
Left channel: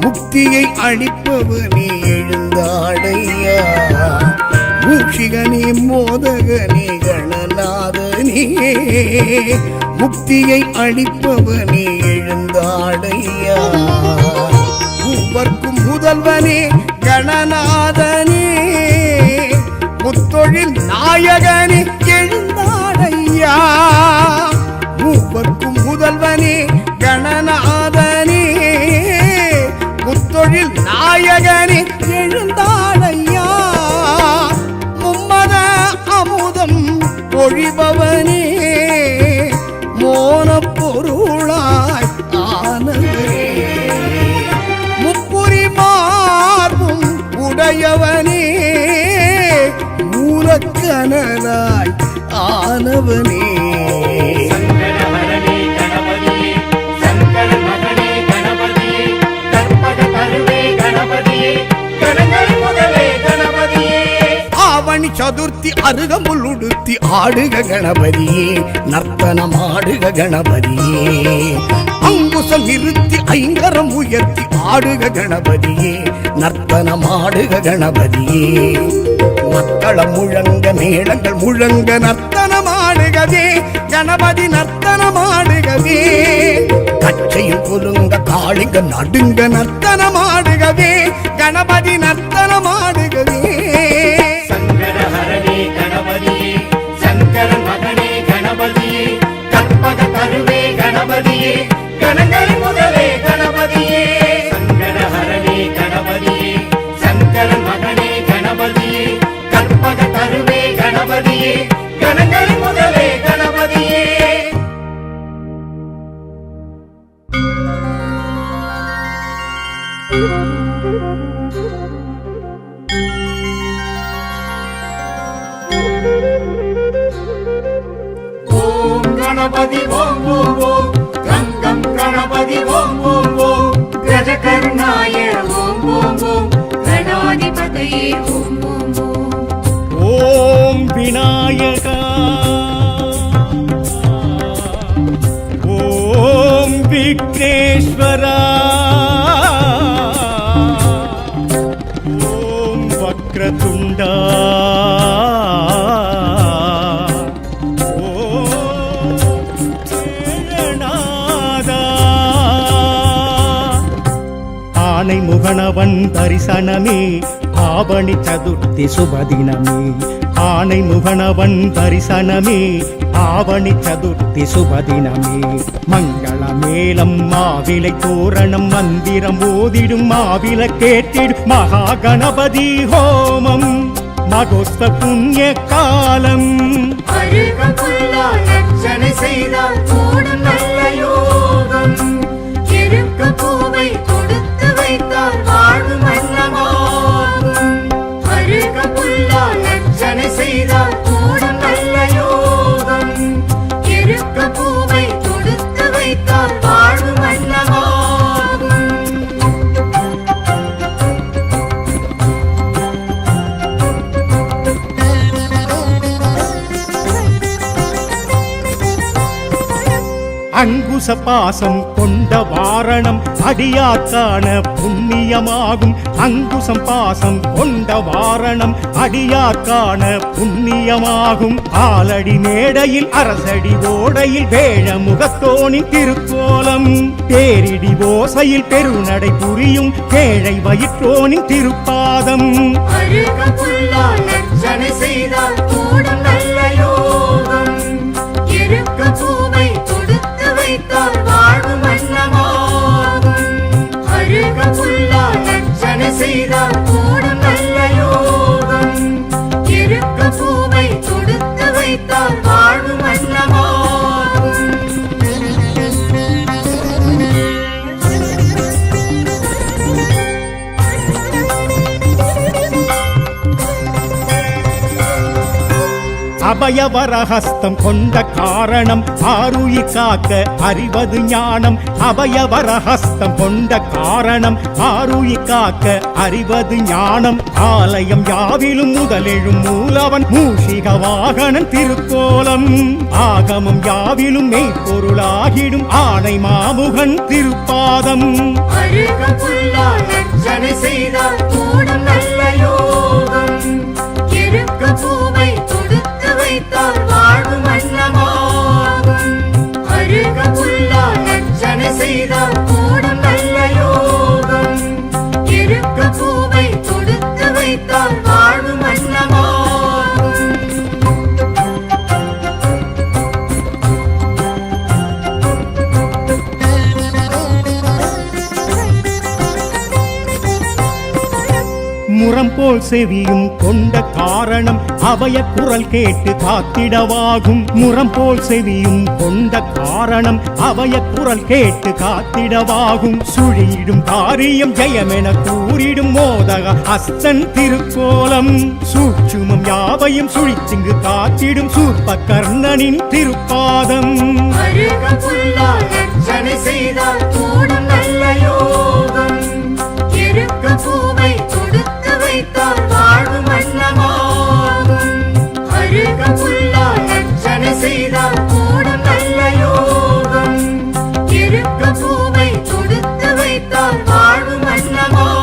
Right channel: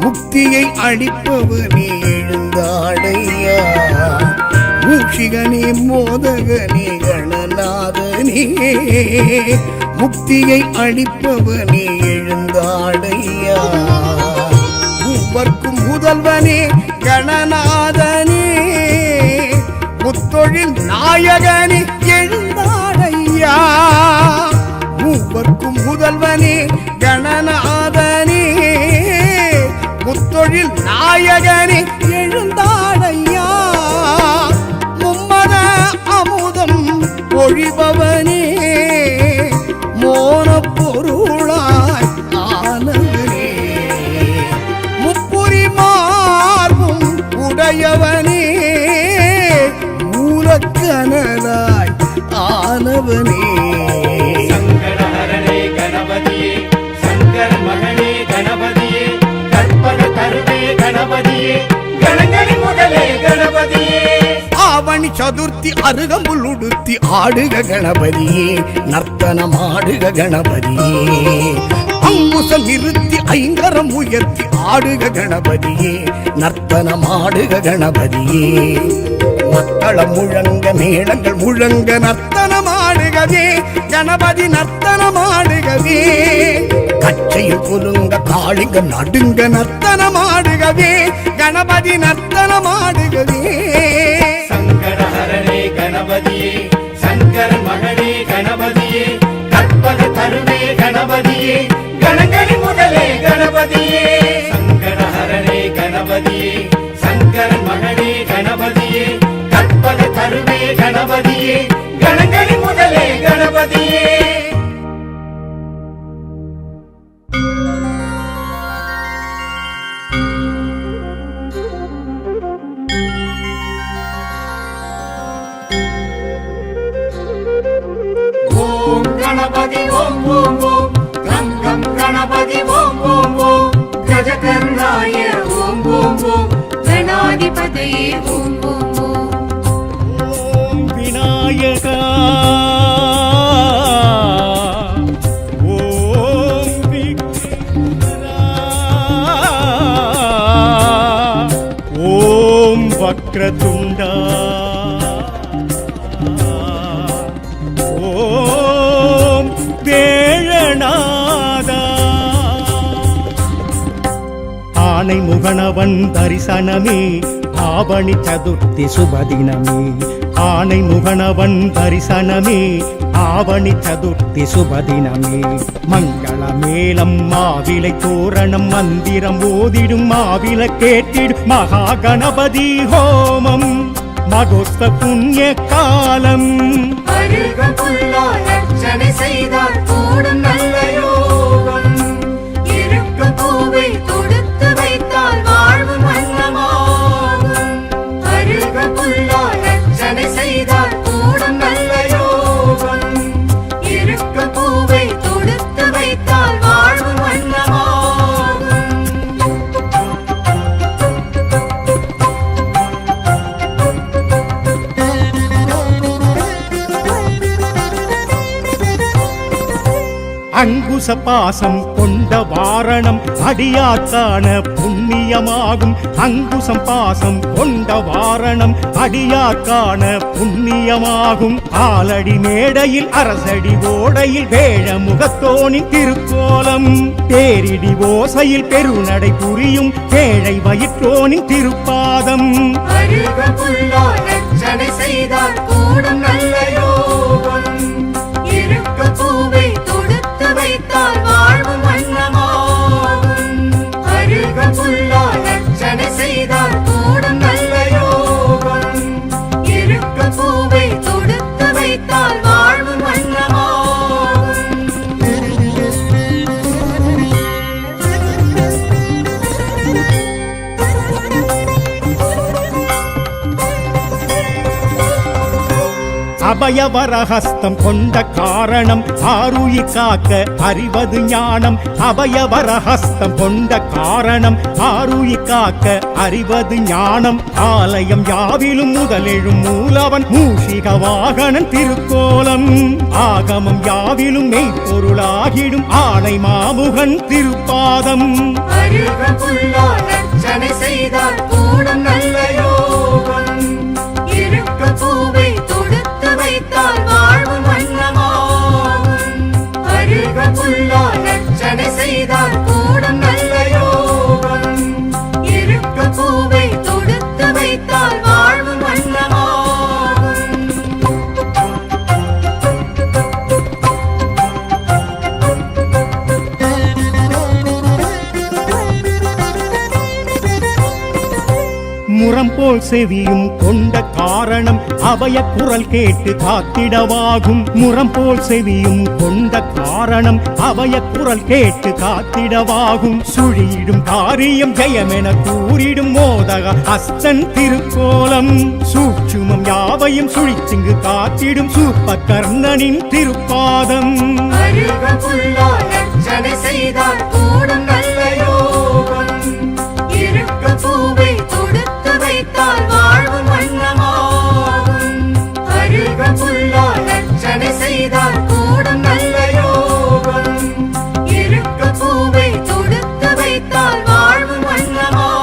முக்தியை அளிப்பவனே எழுந்தாடையா மூஷிகனே மோதகனே கணநாதனே முக்தியை அளிப்பவனே எழுந்தாடையா மூவர்க்கும் முதல்வனே கணநாதனே முத்தொழில் நாயகனே எழுந்தாடையா மூவர்க்கும் முதல்வனே கணநாதனே முத்தொழில் நாயகனே எழுந்தாடையா மும்மத அமுதம் பொழிபவனே மோன பொருளாய் ஆனவனே முப்புரி மார்பும் உடையவனே மூலக்கனலாய் ஆனவனே சங்கடஹரனே கணபதியே சங்கரன் மகனே கணபதியே கற்பக கருவே கணபதியே கணங்களின் முதலே கணபதியே ஆவணி சதுர்த்தி அருகம்புல் உடுத்தி ஆடுக கணபதியே நர்த்தனமாடுக கணபதியே அங்குசம் இருத்தி ஐங்கரம் உயர்த்தி ஆடுக கணபதியே நர்த்தனமாடுக கணபதியே மக்களம் முழங்க மேளங்கள் முழங்க நர்த்தனமாடுகவே கணபதி நர்த்தனமாடுகவே கச்சையில் குலுங்க காளிங்க நடுங்க நர்த்தனமாடுகவே கணபதி நர்த்தனமாடுகவே சங்கடஹரனே கணபதியே சங்கரன் மகனே கணபதியே கற்பக கருவே கணபதியே கணங்களின் முதலே கணபதியே சங்கடஹரனே கணபதியே சங்கரன் மகனே கணபதியே கற்பக கருவே கணபதியே கணங்களின் முதலே கணபதியே ஓம் கணபதி ஓம் ஓம் ஓம் கங்கம் கணபதி ஓம் ஓம் ஓம் கஜகர்ணாய ஓம் ஓம் ஓம் கணாதிபதியே ஓம் ஓம் ஓம் ஓம் விநாயகா ஓம் விக்னேஸ்வரா ஓம் வக்ரதுண்டா ஓம் வேழநாதா ஆனை முகனவன் தரிசனமே ஆவணி சதுர்த்தி சுபதினமே ஆனை முகனவன் தரிசனமே ஆவணி சதுர்த்தி சுபதினமே மங்கள மேளம் மாவிலை தோரணம் மந்திரம் ஓதிடும் மாவில கேட்டிடும் மகா கணபதி ஹோமம் மகோஸ்த புண்ணிய காலம் அழுக புல்லா லட்சணை செய்தால் கூடும் நல்ல யோகம் இருக்க பூவை கொடுத்து வைத்தால் வாழ்வு மன்னமாகும் அழுக புல்லா லட்சணை செய்தால் கூடும் நல்ல யோகம் இருக்க பூவை கொடுத்து வைத்தால் வாழ்வு மன்னமாகும் அங்குச பாசம் கொண்ட வாரணம் அடியார்க்கான புண்ணியமாகும் அங்குசம் பாசம் கொண்ட வாரணம் அடியார்க்கான புண்ணியமாகும் ஆலடி மேடையில் அரசடி ஓடையில் வேழ முகத்தோனின் திருக்கோலம் தேரிடி ஓசையில் பெருநடை புரியும் கேழை வயிற்றோனின் திருப்பாதம் அழுக புல்லா லட்சணை செய்தால் கூடும் நல்ல யோகம் இருக்க பூவை கொடுத்து வைத்தால் வாழ்வு மன்னமாகும் அழுக புல்லா லட்சணை செய்தால் கூடும் நல்ல யோகம் இருக்க பூவை கொடுத்து வைத்தால் வாழ்வு மன்னமாகும் அபயவரஹஸ்தம் கொண்ட காரணம் ஆருயிர் காக்க அறிவது ஞானம். அபயவரஹஸ்தம் கொண்ட காரணம் ஆருயிர் காக்க அறிவது ஞானம். ஆலயம் யாவிலும் முதலெழும் மூலவன் மூஷிக வாகனன் திருக்கோலம். ஆகமம் யாவிலும் மெய்ப்பொருளாகிடும் ஆணை மாமுகன் திருப்பாதம். அழுக புல்லால் அர்ச்சனை செய்தால் கூடும் நல்ல யோகம். இருக்க பூவை தொடுத்து வைத்தால் வாழ்வு மன்னமாகும். அழுக புல்லால் அர்ச்சனை செய்தால் கூடும் நல்ல யோகம். இருக்க பூவை தொடுத்து வைத்தால் வாழ்வு மன்னமாகும். முரம் போல் செவியும் கொண்ட காரணம் அபய குரல் கேட்டு காத்திடவாகும். முரம் போல் செவியும் கொண்ட காரணம் அபய குரல் கேட்டு காத்திடவாகும். சுழியிடும் காரியம் ஜெயமென கூறிடும் மோதக அஸ்தன் திருக்கோலம். சூட்சுமம் யாவையும் சுழித்திங்கு காத்திடும் சூப்ப கர்ணனின் திருப்பாதம். அழுக புல்லால் அர்ச்சனை செய்தால் கூடும் நல்ல யோகம். இருக்க பூவை தொடுத்து வைத்தால் வாழ்வு மன்னமாகும். அழுக புல்லால் அர்ச்சனை செய்தால் கூடும் நல்ல யோகம். இருக்க பூவை தொடுத்து வைத்தால் வாழ்வு மன்னமாகும்.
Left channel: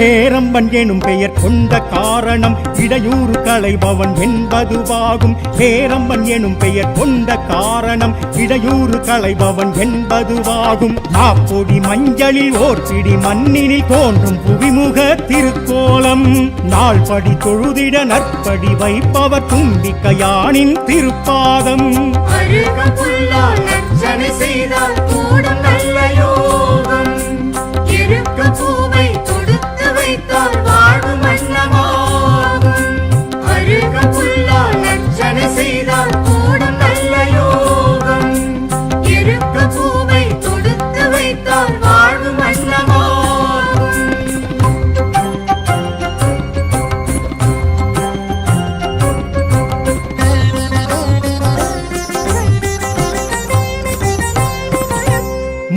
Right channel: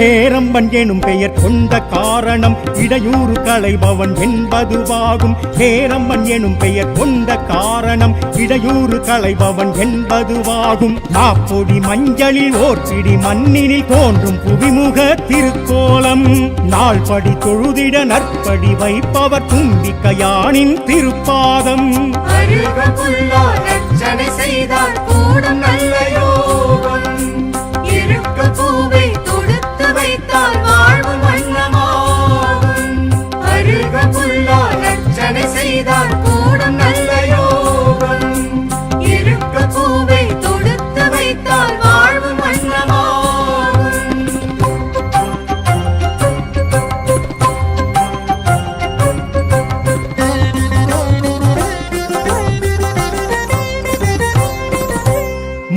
ஹேரம்பன் எனும் பெயர் கொண்ட காரணம் இடையூறு களைபவன் என்பதுவாகும். ஹேரம்பன் எனும் பெயர் கொண்ட காரணம் இடையூறு களைபவன் என்பதுவாகும். மாப்பொடி மஞ்சளில் ஓர் பிடி மண்ணினில் தோன்றும் புவிமுக திருக்கோலம். நாள்படி தொழுதிட நற்படி வைப்பவர் தும்பிக்கையானின் திருப்பாதம். அழுக புல்லால் அர்ச்சனை செய்தால் கூடும் நல்ல யோகம். இருக்க பூவை தொடுத்து வைத்தால் வாழ்வு மன்னமாகும். அழுக புல்லால் அர்ச்சனை செய்தால் கூடும் நல்ல யோகம். இருக்க பூவை தொடுத்து வைத்தால் வாழ்வு மன்னமாகும்.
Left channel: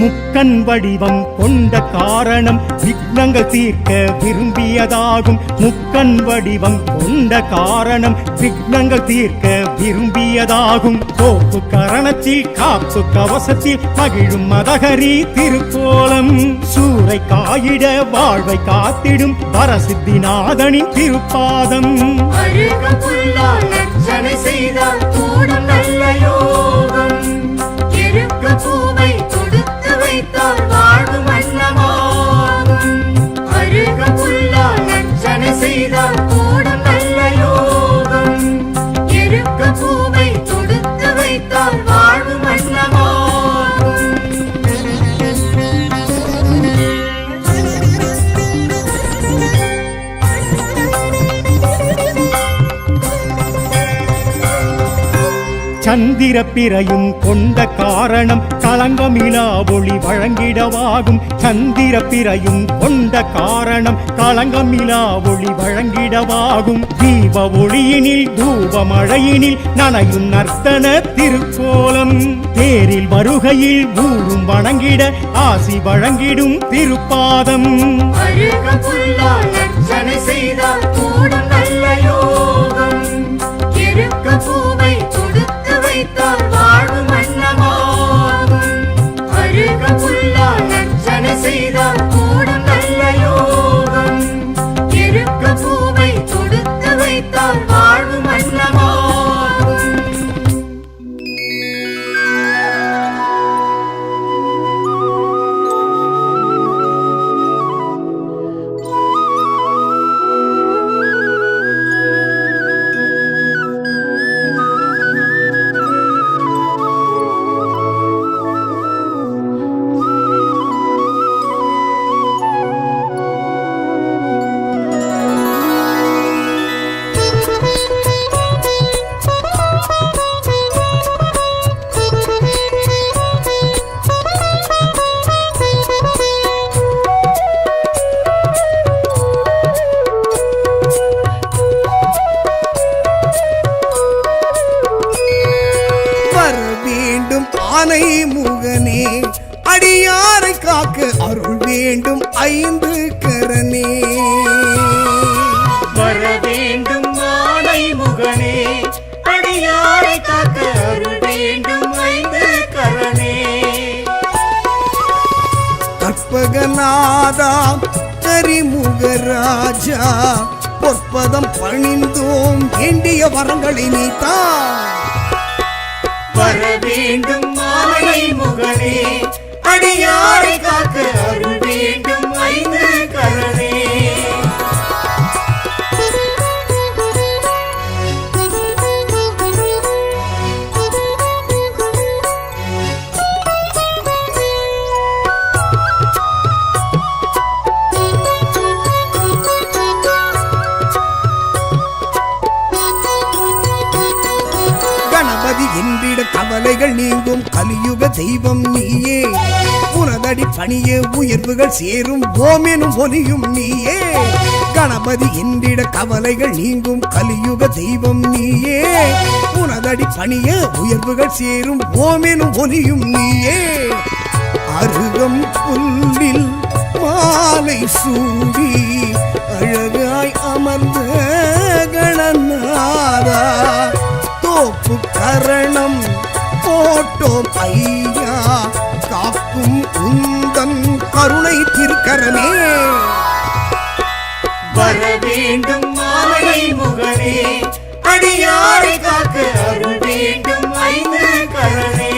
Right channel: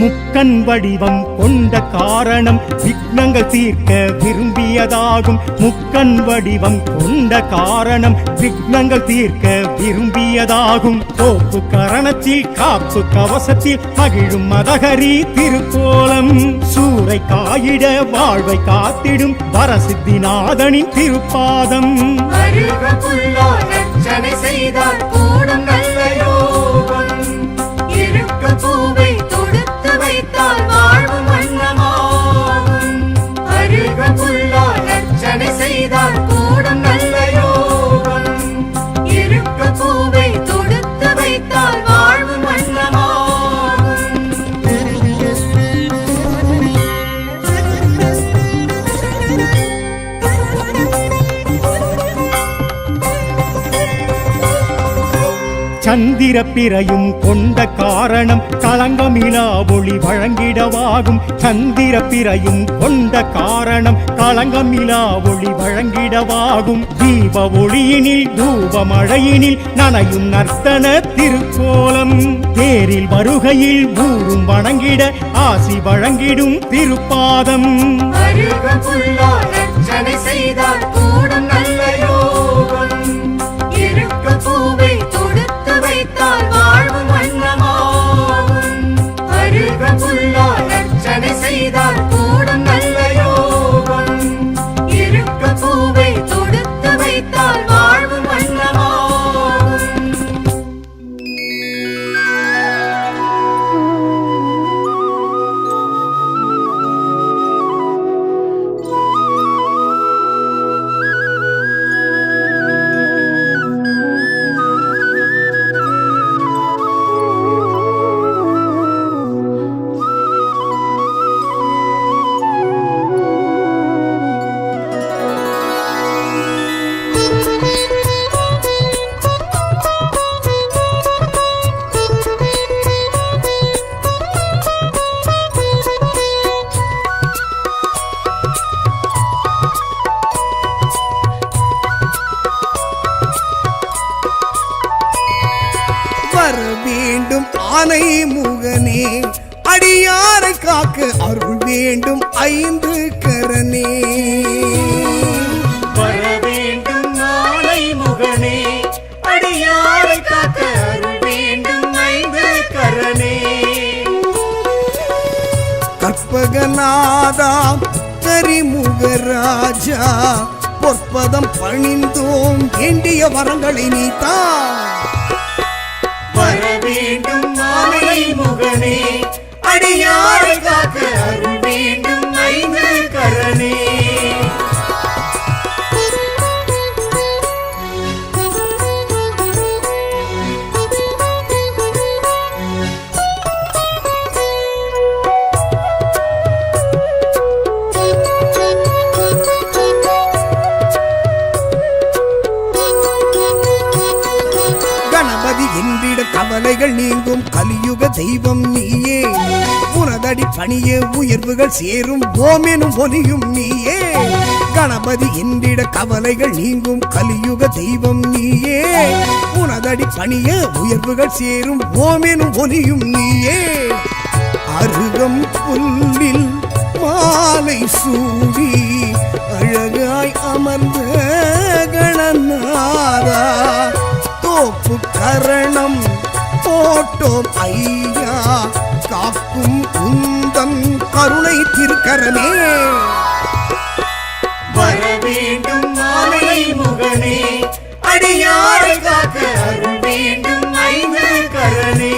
முக்கண் வடிவம் கொண்ட காரணம் விக்னங்கள் தீர்க்க விரும்பியதாகும். முக்கண் வடிவம் கொண்ட காரணம் விக்னங்கள் தீர்க்க விரும்பியதாகும். தோப்பு கரணத்தில் காப்பு கவசத்தில் மகிழும் மதகரி திருக்கோலம். சூறை காயிட வாழ்வை காத்திடும் வரசித்திநாதனின் திருப்பாதம். அழுக புல்லால் அர்ச்சனை செய்தால் கூடும் நல்ல யோகம். இருக்க பூவை தொடுத்து வைத்தால் வாழ்வு மன்னமாகும். அழுக புல்லால் அர்ச்சனை செய்தால் கூடும் நல்ல யோகம். இருக்க பூவை தொடுத்து வைத்தால் வாழ்வு மன்னமாகும். சந்திர பிறையும் கொண்ட காரணம் களங்கமிலா ஒளி வழங்கிடவாகும். சந்திர பிறையும் கொண்ட காரணம் களங்கமிலா ஒளி வழங்கிடவாகும். தீப ஒளியினில் தூப மழையினில் நனையும் நர்த்தன திருக்கோலம். தேரில் வருகையில் ஊரும் வணங்கிட ஆசி வழங்கிடும் திருப்பாதம். அழுக புல்லால் அர்ச்சனை செய்தால் கூடும் நல்ல யோகம். இருக்க பூவை தொடுத்து வைத்தால் வாழ்வு மன்னமாகும். அழுக புல்லால் அர்ச்சனை செய்தால் கூடும் நல்ல யோகம். இருக்க பூவை தொடுத்து வைத்தால் வாழ்வு மன்னமாகும். வேண்டும் ஆனை முகனே, அடியாரை காக்க அருள் வேண்டும் ஐந்து கரனே. வர வேண்டும் ஆனை முகனே, அடியாரை காக்க அருள் வேண்டும் ஐந்து கரனே. கற்பகநாதா கரிமுகராஜா, பொற்பதம் பணிந்தோம் வேண்டிய வரங்களை நீத்தா. வர வேண்டும் ஆனை முகனே, அடியாரை காக்க அருள் வேண்டும் ஐந்து கரனே. கணபதி என்றிட கவலைகள் நீங்கும் கலியுக தெய்வம் நீயே, உனதடி பணியே உயர்வுகள் சேரும் ஓமெனும் ஒலியும் நீயே. கணபதி என்றிட கவலைகள் நீங்கும் கலியுக தெய்வம் நீயே, உனதடி பணியே உயர்வுகள் சேரும் ஓமெனும் ஒலியும் நீயே. அருகம் புல்லில் மாலை சூடி அழகாய் அமர்ந்த கணநாதா, தோப்பு கரணம் போட்டோம் ஐயா, காக்கும் உந்தன் கருணை திருக்கரமே. வர வேண்டும் ஆனை முகனே, அடியாரை காக்க அருள் வேண்டும் ஐந்து கரனே.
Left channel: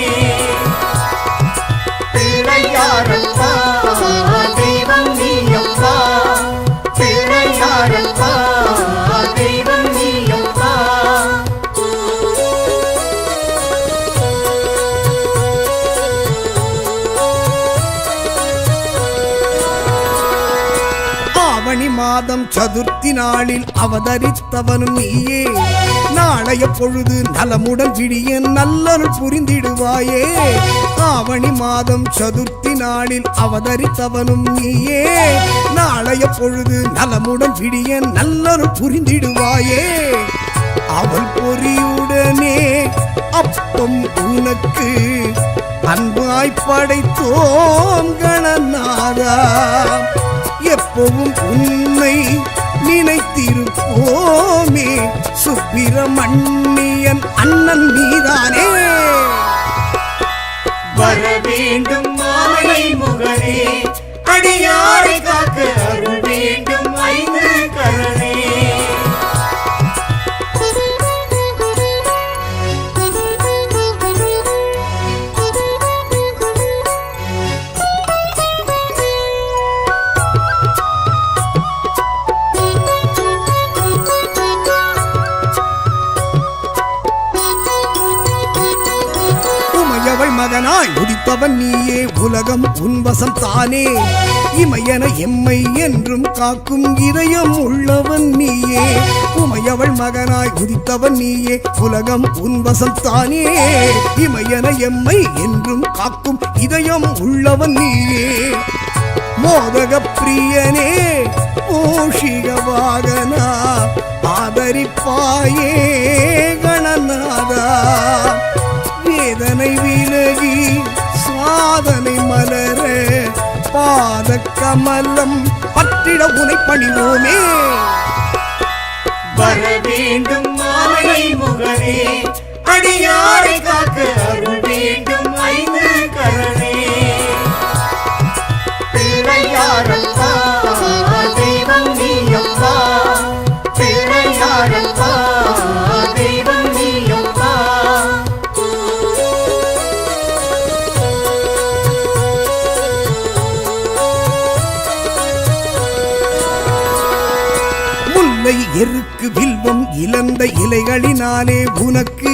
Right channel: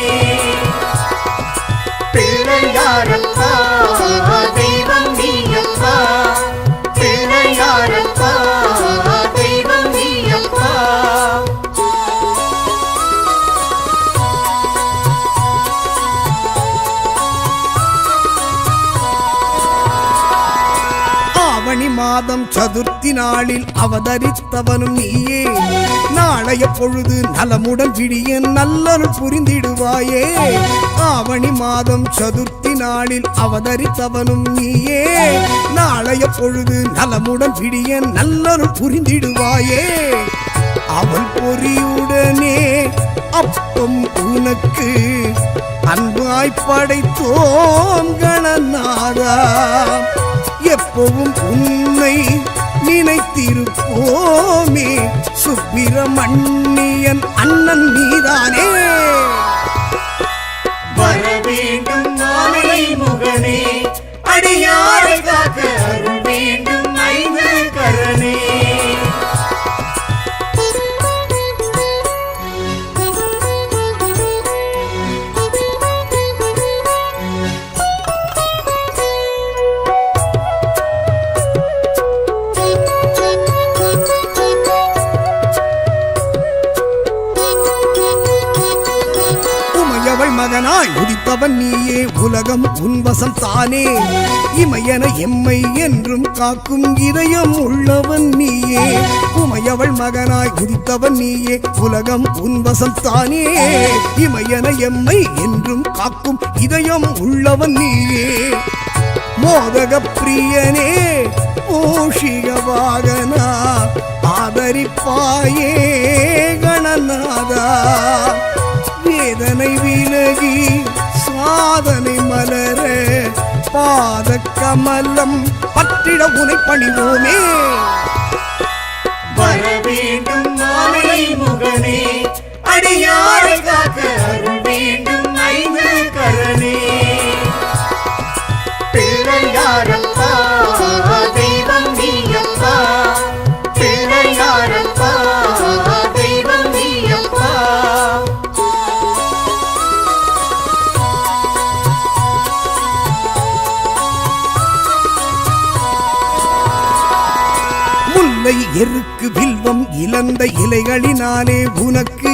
பிள்ளையாரப்பா தெய்வம் நீயப்பா, பிள்ளையாரப்பா தெய்வம் நீயப்பா. ஆவணி மாதம் சதுர்த்தி நாளில் அவதரித்தவனும் நீயே, நாளைய பொழுது நலமுடன் விடிய நல்லருள் புரிந்திடுவாயே. ஆவணி மாதம் சதுர்த்தி நாளில் அவதரித்தவனும் நீயே, நாளைய பொழுது நலமுடன் விடிய நல்லருள் புரிந்திடுவாயே. அவள் பொறியுடனே அப்பம் உனக்கு அன்பாய் படைத்தோம் கணநாதா, எப்பவும் உன்னை நினைத்திருப்போமே, சுப்பிரமணியன் அண்ணன் நீதானே. வர வேண்டும் ஆனை முகனே, அடியாரை காக்க அருள் வேண்டும் ஐந்து கரனே. உமையவள் மகனாய் உதித்தவன் நீயே, உலகம் உன்வசம் தானே. இமையன எம்மை என்றும் காக்கும் இதயம் உள்ளவன் நீயே. உமையவள் மகனாய் உதித்தவன் நீயே, உலகம் உன்வசம் தானே. இமையன எம்மை என்றும் காக்கும் இதயம் உள்ளவன் நீயே. மோதக பிரியனே மூஷிக வாகனா, ஆதரிப்பாயே கணநாதா. வேதனை விலகி சாதனை மலர, பாத கமலம் பற்றிட உனை பணிவோமே. வர வேண்டும் ஆனை முகனே, அடியாரை காக்க அருள் வேண்டும் ஐந்து கரனே. பிள்ளையாரப்பா தெய்வம் நீயப்பா, பிள்ளையாரப்பா தெய்வம் நீயப்பா. முல்லை எருக்கு வில்வம் இழந்த இலைகளினாலே உனக்கு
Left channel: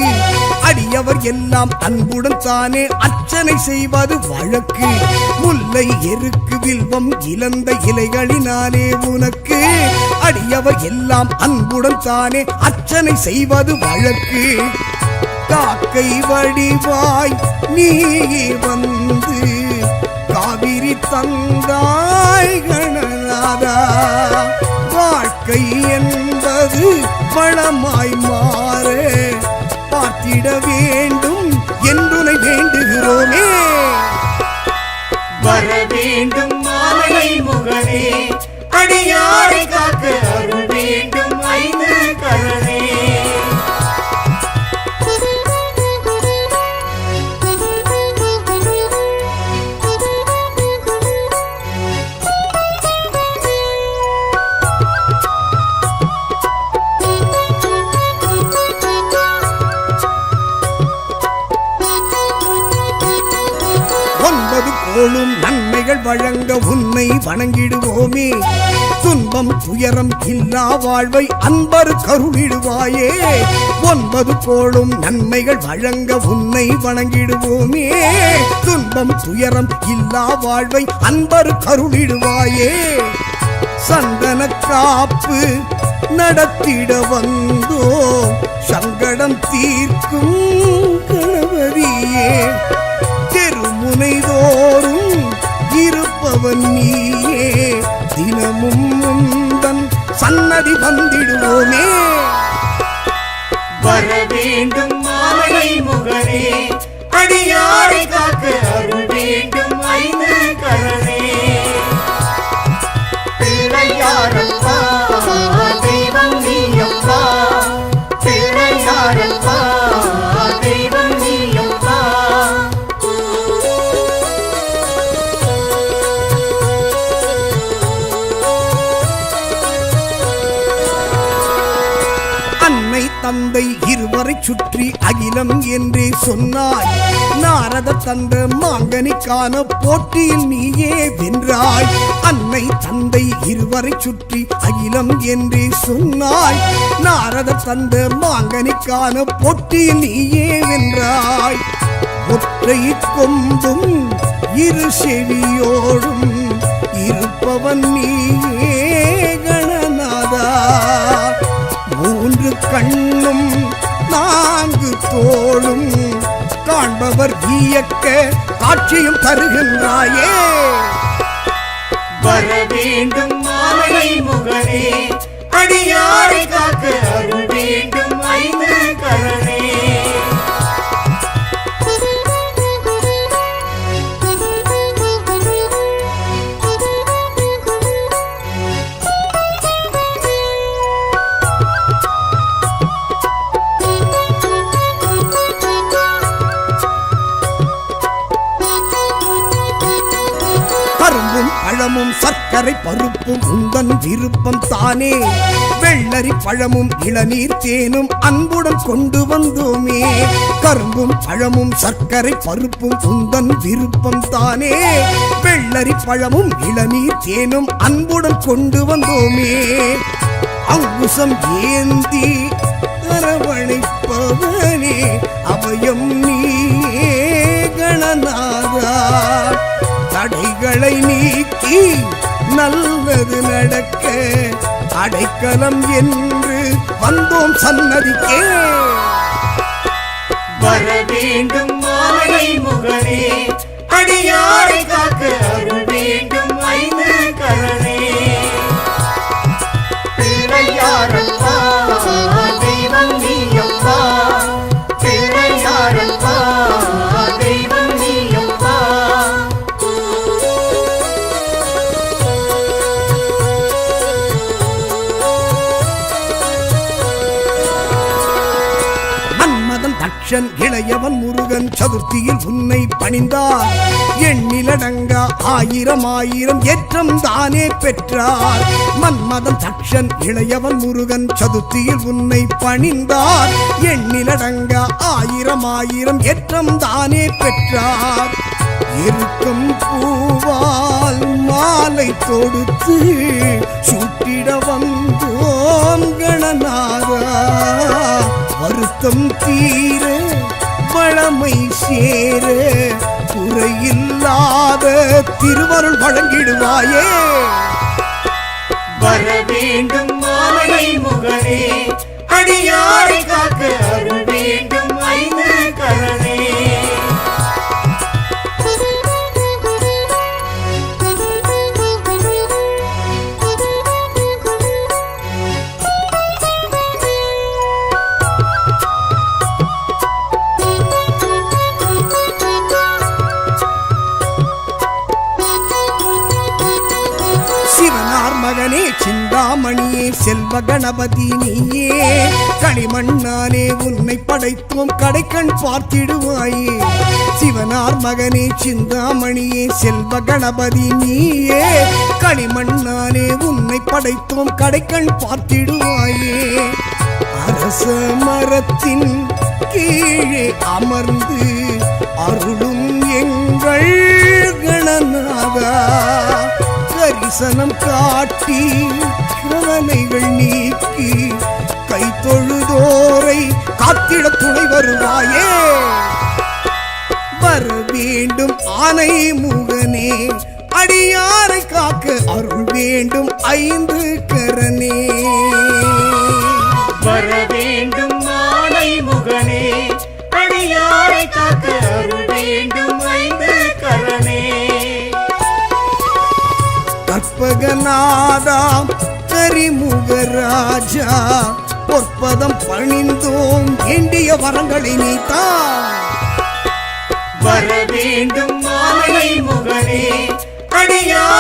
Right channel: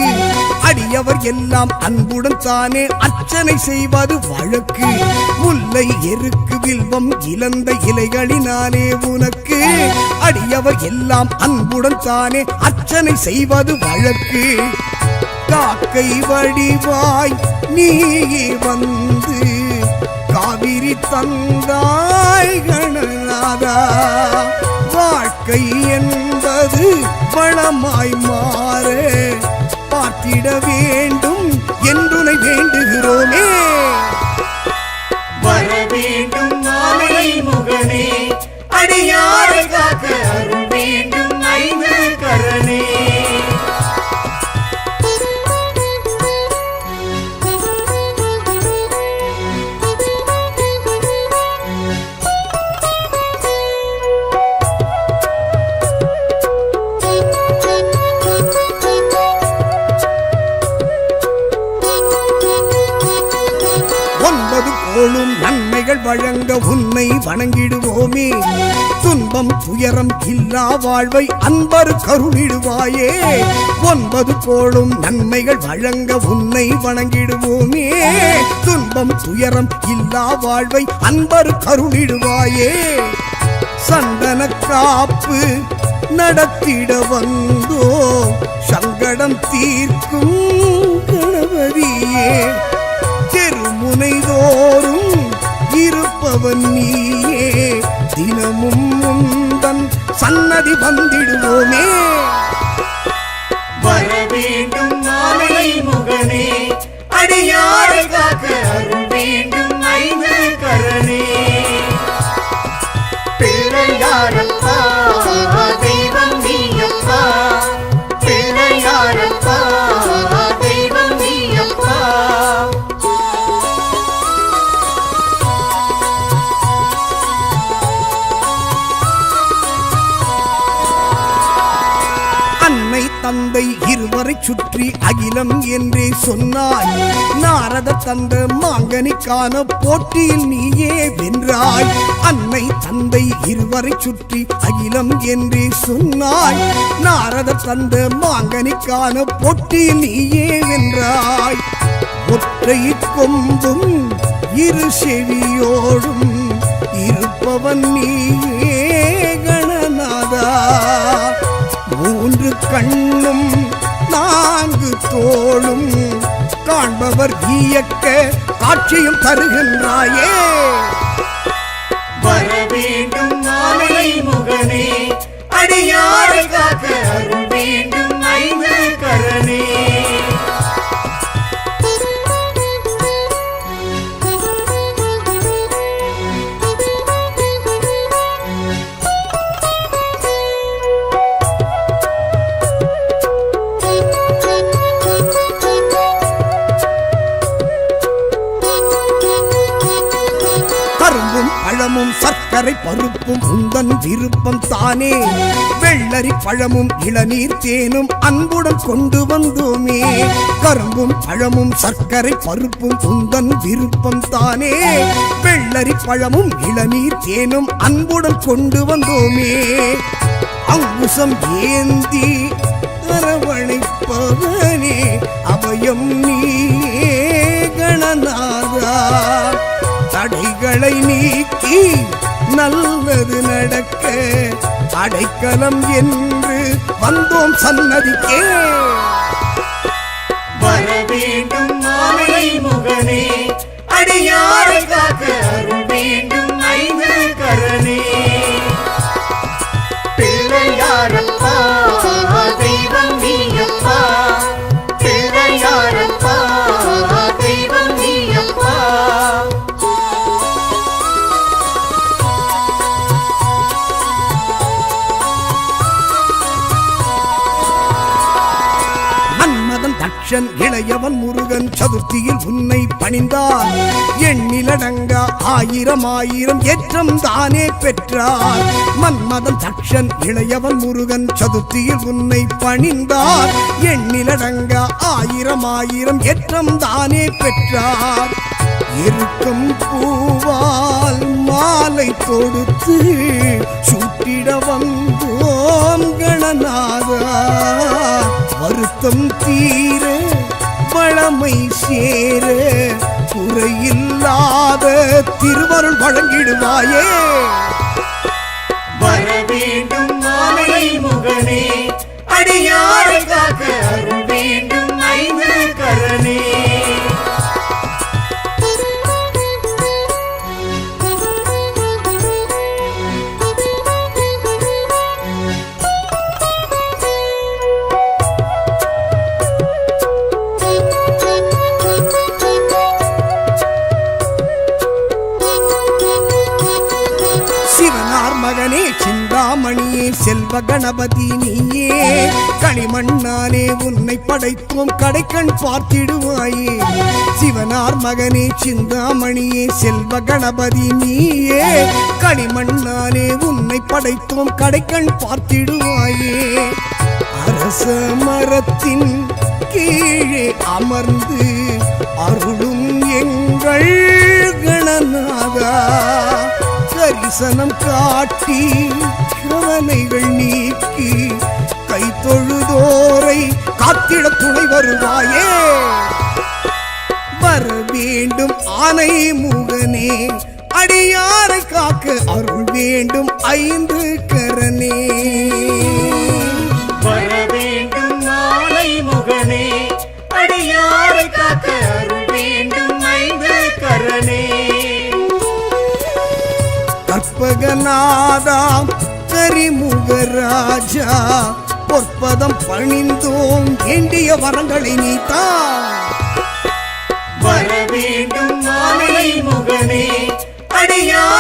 அடியவர் எல்லாம் அன்புடன் தானே அர்ச்சனை செய்வது வழக்கு. முல்லை எருக்கு வில்வம் இழந்த இலைகளினாலே உனக்கு அடியவர் எல்லாம் அன்புடன் தானே அர்ச்சனை செய்வது வழக்கு. காக்கை வடிவாய் நீயே வந்து காவிரி தந்தாய் கணநாதா. வாழ்க்கை என்பது வளமாய் மாற பார்த்திட வேண்டும் என்றுனை வேண்டுகிறோமே. வர வேண்டும் மாலை முகனே, அடியாரை காக்க அருள் வேண்டும் ஐந்து கரனே. ஒன்பது கோளும் நன்மைகள் வழங்க உன்னை வணங்கிடுவோமே. துன்பம் துயரம் இல்லா வாழ்வை அன்பர் கருளிடுவாயே. ஒன்பது கோளும் நன்மைகள் வழங்க உன்னை வணங்கிடுவோமே. துன்பம் துயரம் இல்லா வாழ்வை அன்பர் கருளிடுவாயே. சந்தன காப்பு நடத்திட வந்தோ சங்கடம் தீர்க்கும் கணபதியே. தெருமுனைதோறும் இருப்பவன் நீயே, தினமும் உந்தன் சன்னதி வந்திடுவோமே. வர வேண்டும் மாலை முகனே, அடியாரை காக்க அருள் வேண்டும் ஐந்து கரனே. பிள்ளையாரப்பா தெய்வம் நீயப்பா, பிள்ளையாரப்பா தெய்வம் நீயப்பா. அன்னை தந்தை இருவரை சுற்றி அகிலம் என்றே சொன்னாய். நாரத தந்த மாங்கனிக்கான போட்டியில் நீயே வென்றாய். அன்னை தந்தை இருவரை சுற்றி அகிலம் என்றே சொன்னாய். நாரத தந்த மாங்கனிக்கான போட்டியில் நீயே வென்றாய். ஒற்றை கொம்பும் இரு செவியோடும் இருப்பவன் நீயே கணநாதா. மூன்று கண்ணும் நான்கு தோளும் காண்பவர் வியக்க காட்சியும் தருகின்றாயே. வர வேண்டும் மாலை முகனே, அடியாரை காக்க அருள் வேண்டும் ஐந்து கரனே. கரும்பும் பழமும் சர்க்கரை பருப்பும் உந்தன் விருப்பம் தானே. வெள்ளரி பழமும் இளநீர் தேனும் அன்புடன் கொண்டு வந்தோமே. கரும்பும் பழமும் சர்க்கரை பருப்பும் உந்தன் விருப்பம் தானே. வெள்ளரி பழமும் இளநீர் தேனும் அன்புடன் கொண்டு வந்தோமே. அங்குசம் ஏந்தி அரவணைப்பவனே அபயம் நீயே கணநாதா. தடைகளை நீக்கி நல்லது நடக்க அடைக்கலம் என்று வந்தோம் சன்னதிக்கே. வர வேண்டும் மாலை முகனே, அடியாரை காக்க அருள் வேண்டும் ஐந்து கரனே. பிள்ளையாரப்பா தெய்வம் நீயப்பா, பிள்ளையாரப்பா தெய்வம் நீயப்பா. மன்மதன் தட்சன் இளையவன் முருகன் சதுர்த்தியில் உன்னை பணிந்தார். எண்ணிலடங்கா ஆயிரம் ஆயிரம் ஏற்றம் தானே பெற்றார். மன்மதன் தட்சன் இளையவன் முருகன் சதுர்த்தியில் உன்னை பணிந்தார். எண்ணிலடங்கா ஆயிரம் ஆயிரம் ஏற்றம் தானே பெற்றார். இருக்கும் பூவால் மாலை தொடுத்து சூட்டிட வந்தோம் கணநாதா. வருத்தம் தீர வளமை சேர குறையில்லாத திருவருள் வழங்கிடுவாயே. வர வேண்டும் மாலை முகனே, அடியாரை காக்க அருள் வேண்டும் ஐந்து கரனே. மகனே சிந்தாமணியே செல்வ கணபதி நீயே களிமண்ணாலே உன்னை படைத்தோம் கடைக்கண் பார்த்திடுவாயே சிவனார் மகனே சிந்தாமணியே செல்வ கணபதி நீயே களிமண்ணாலே உன்னை படைத்தோம் கடைக்கண் பார்த்திடுவாயே அரச மரத்தின் கீழே அமர்ந்து அருளும் எங்கள் கணநாதா கரிசனம் காட்டி கவலைகள் நீக்கி கை தொழுதோரை காத்திட துணை வருவாயே வர வேண்டும் ஆனை முகனே அடியாரை காக்க அருள் வேண்டும் ஐந்து கரனே வர வேண்டும் மாலை முகனே அடியாரை காக்க அருள் வேண்டும் ஐந்து கரனே கற்பகநாதா கரிமுகராஜா பொற்பதம் பணிந்தோம் வேண்டிய வரங்களை நீத்தா வர வேண்டும் மாலை முகனே அடியாரை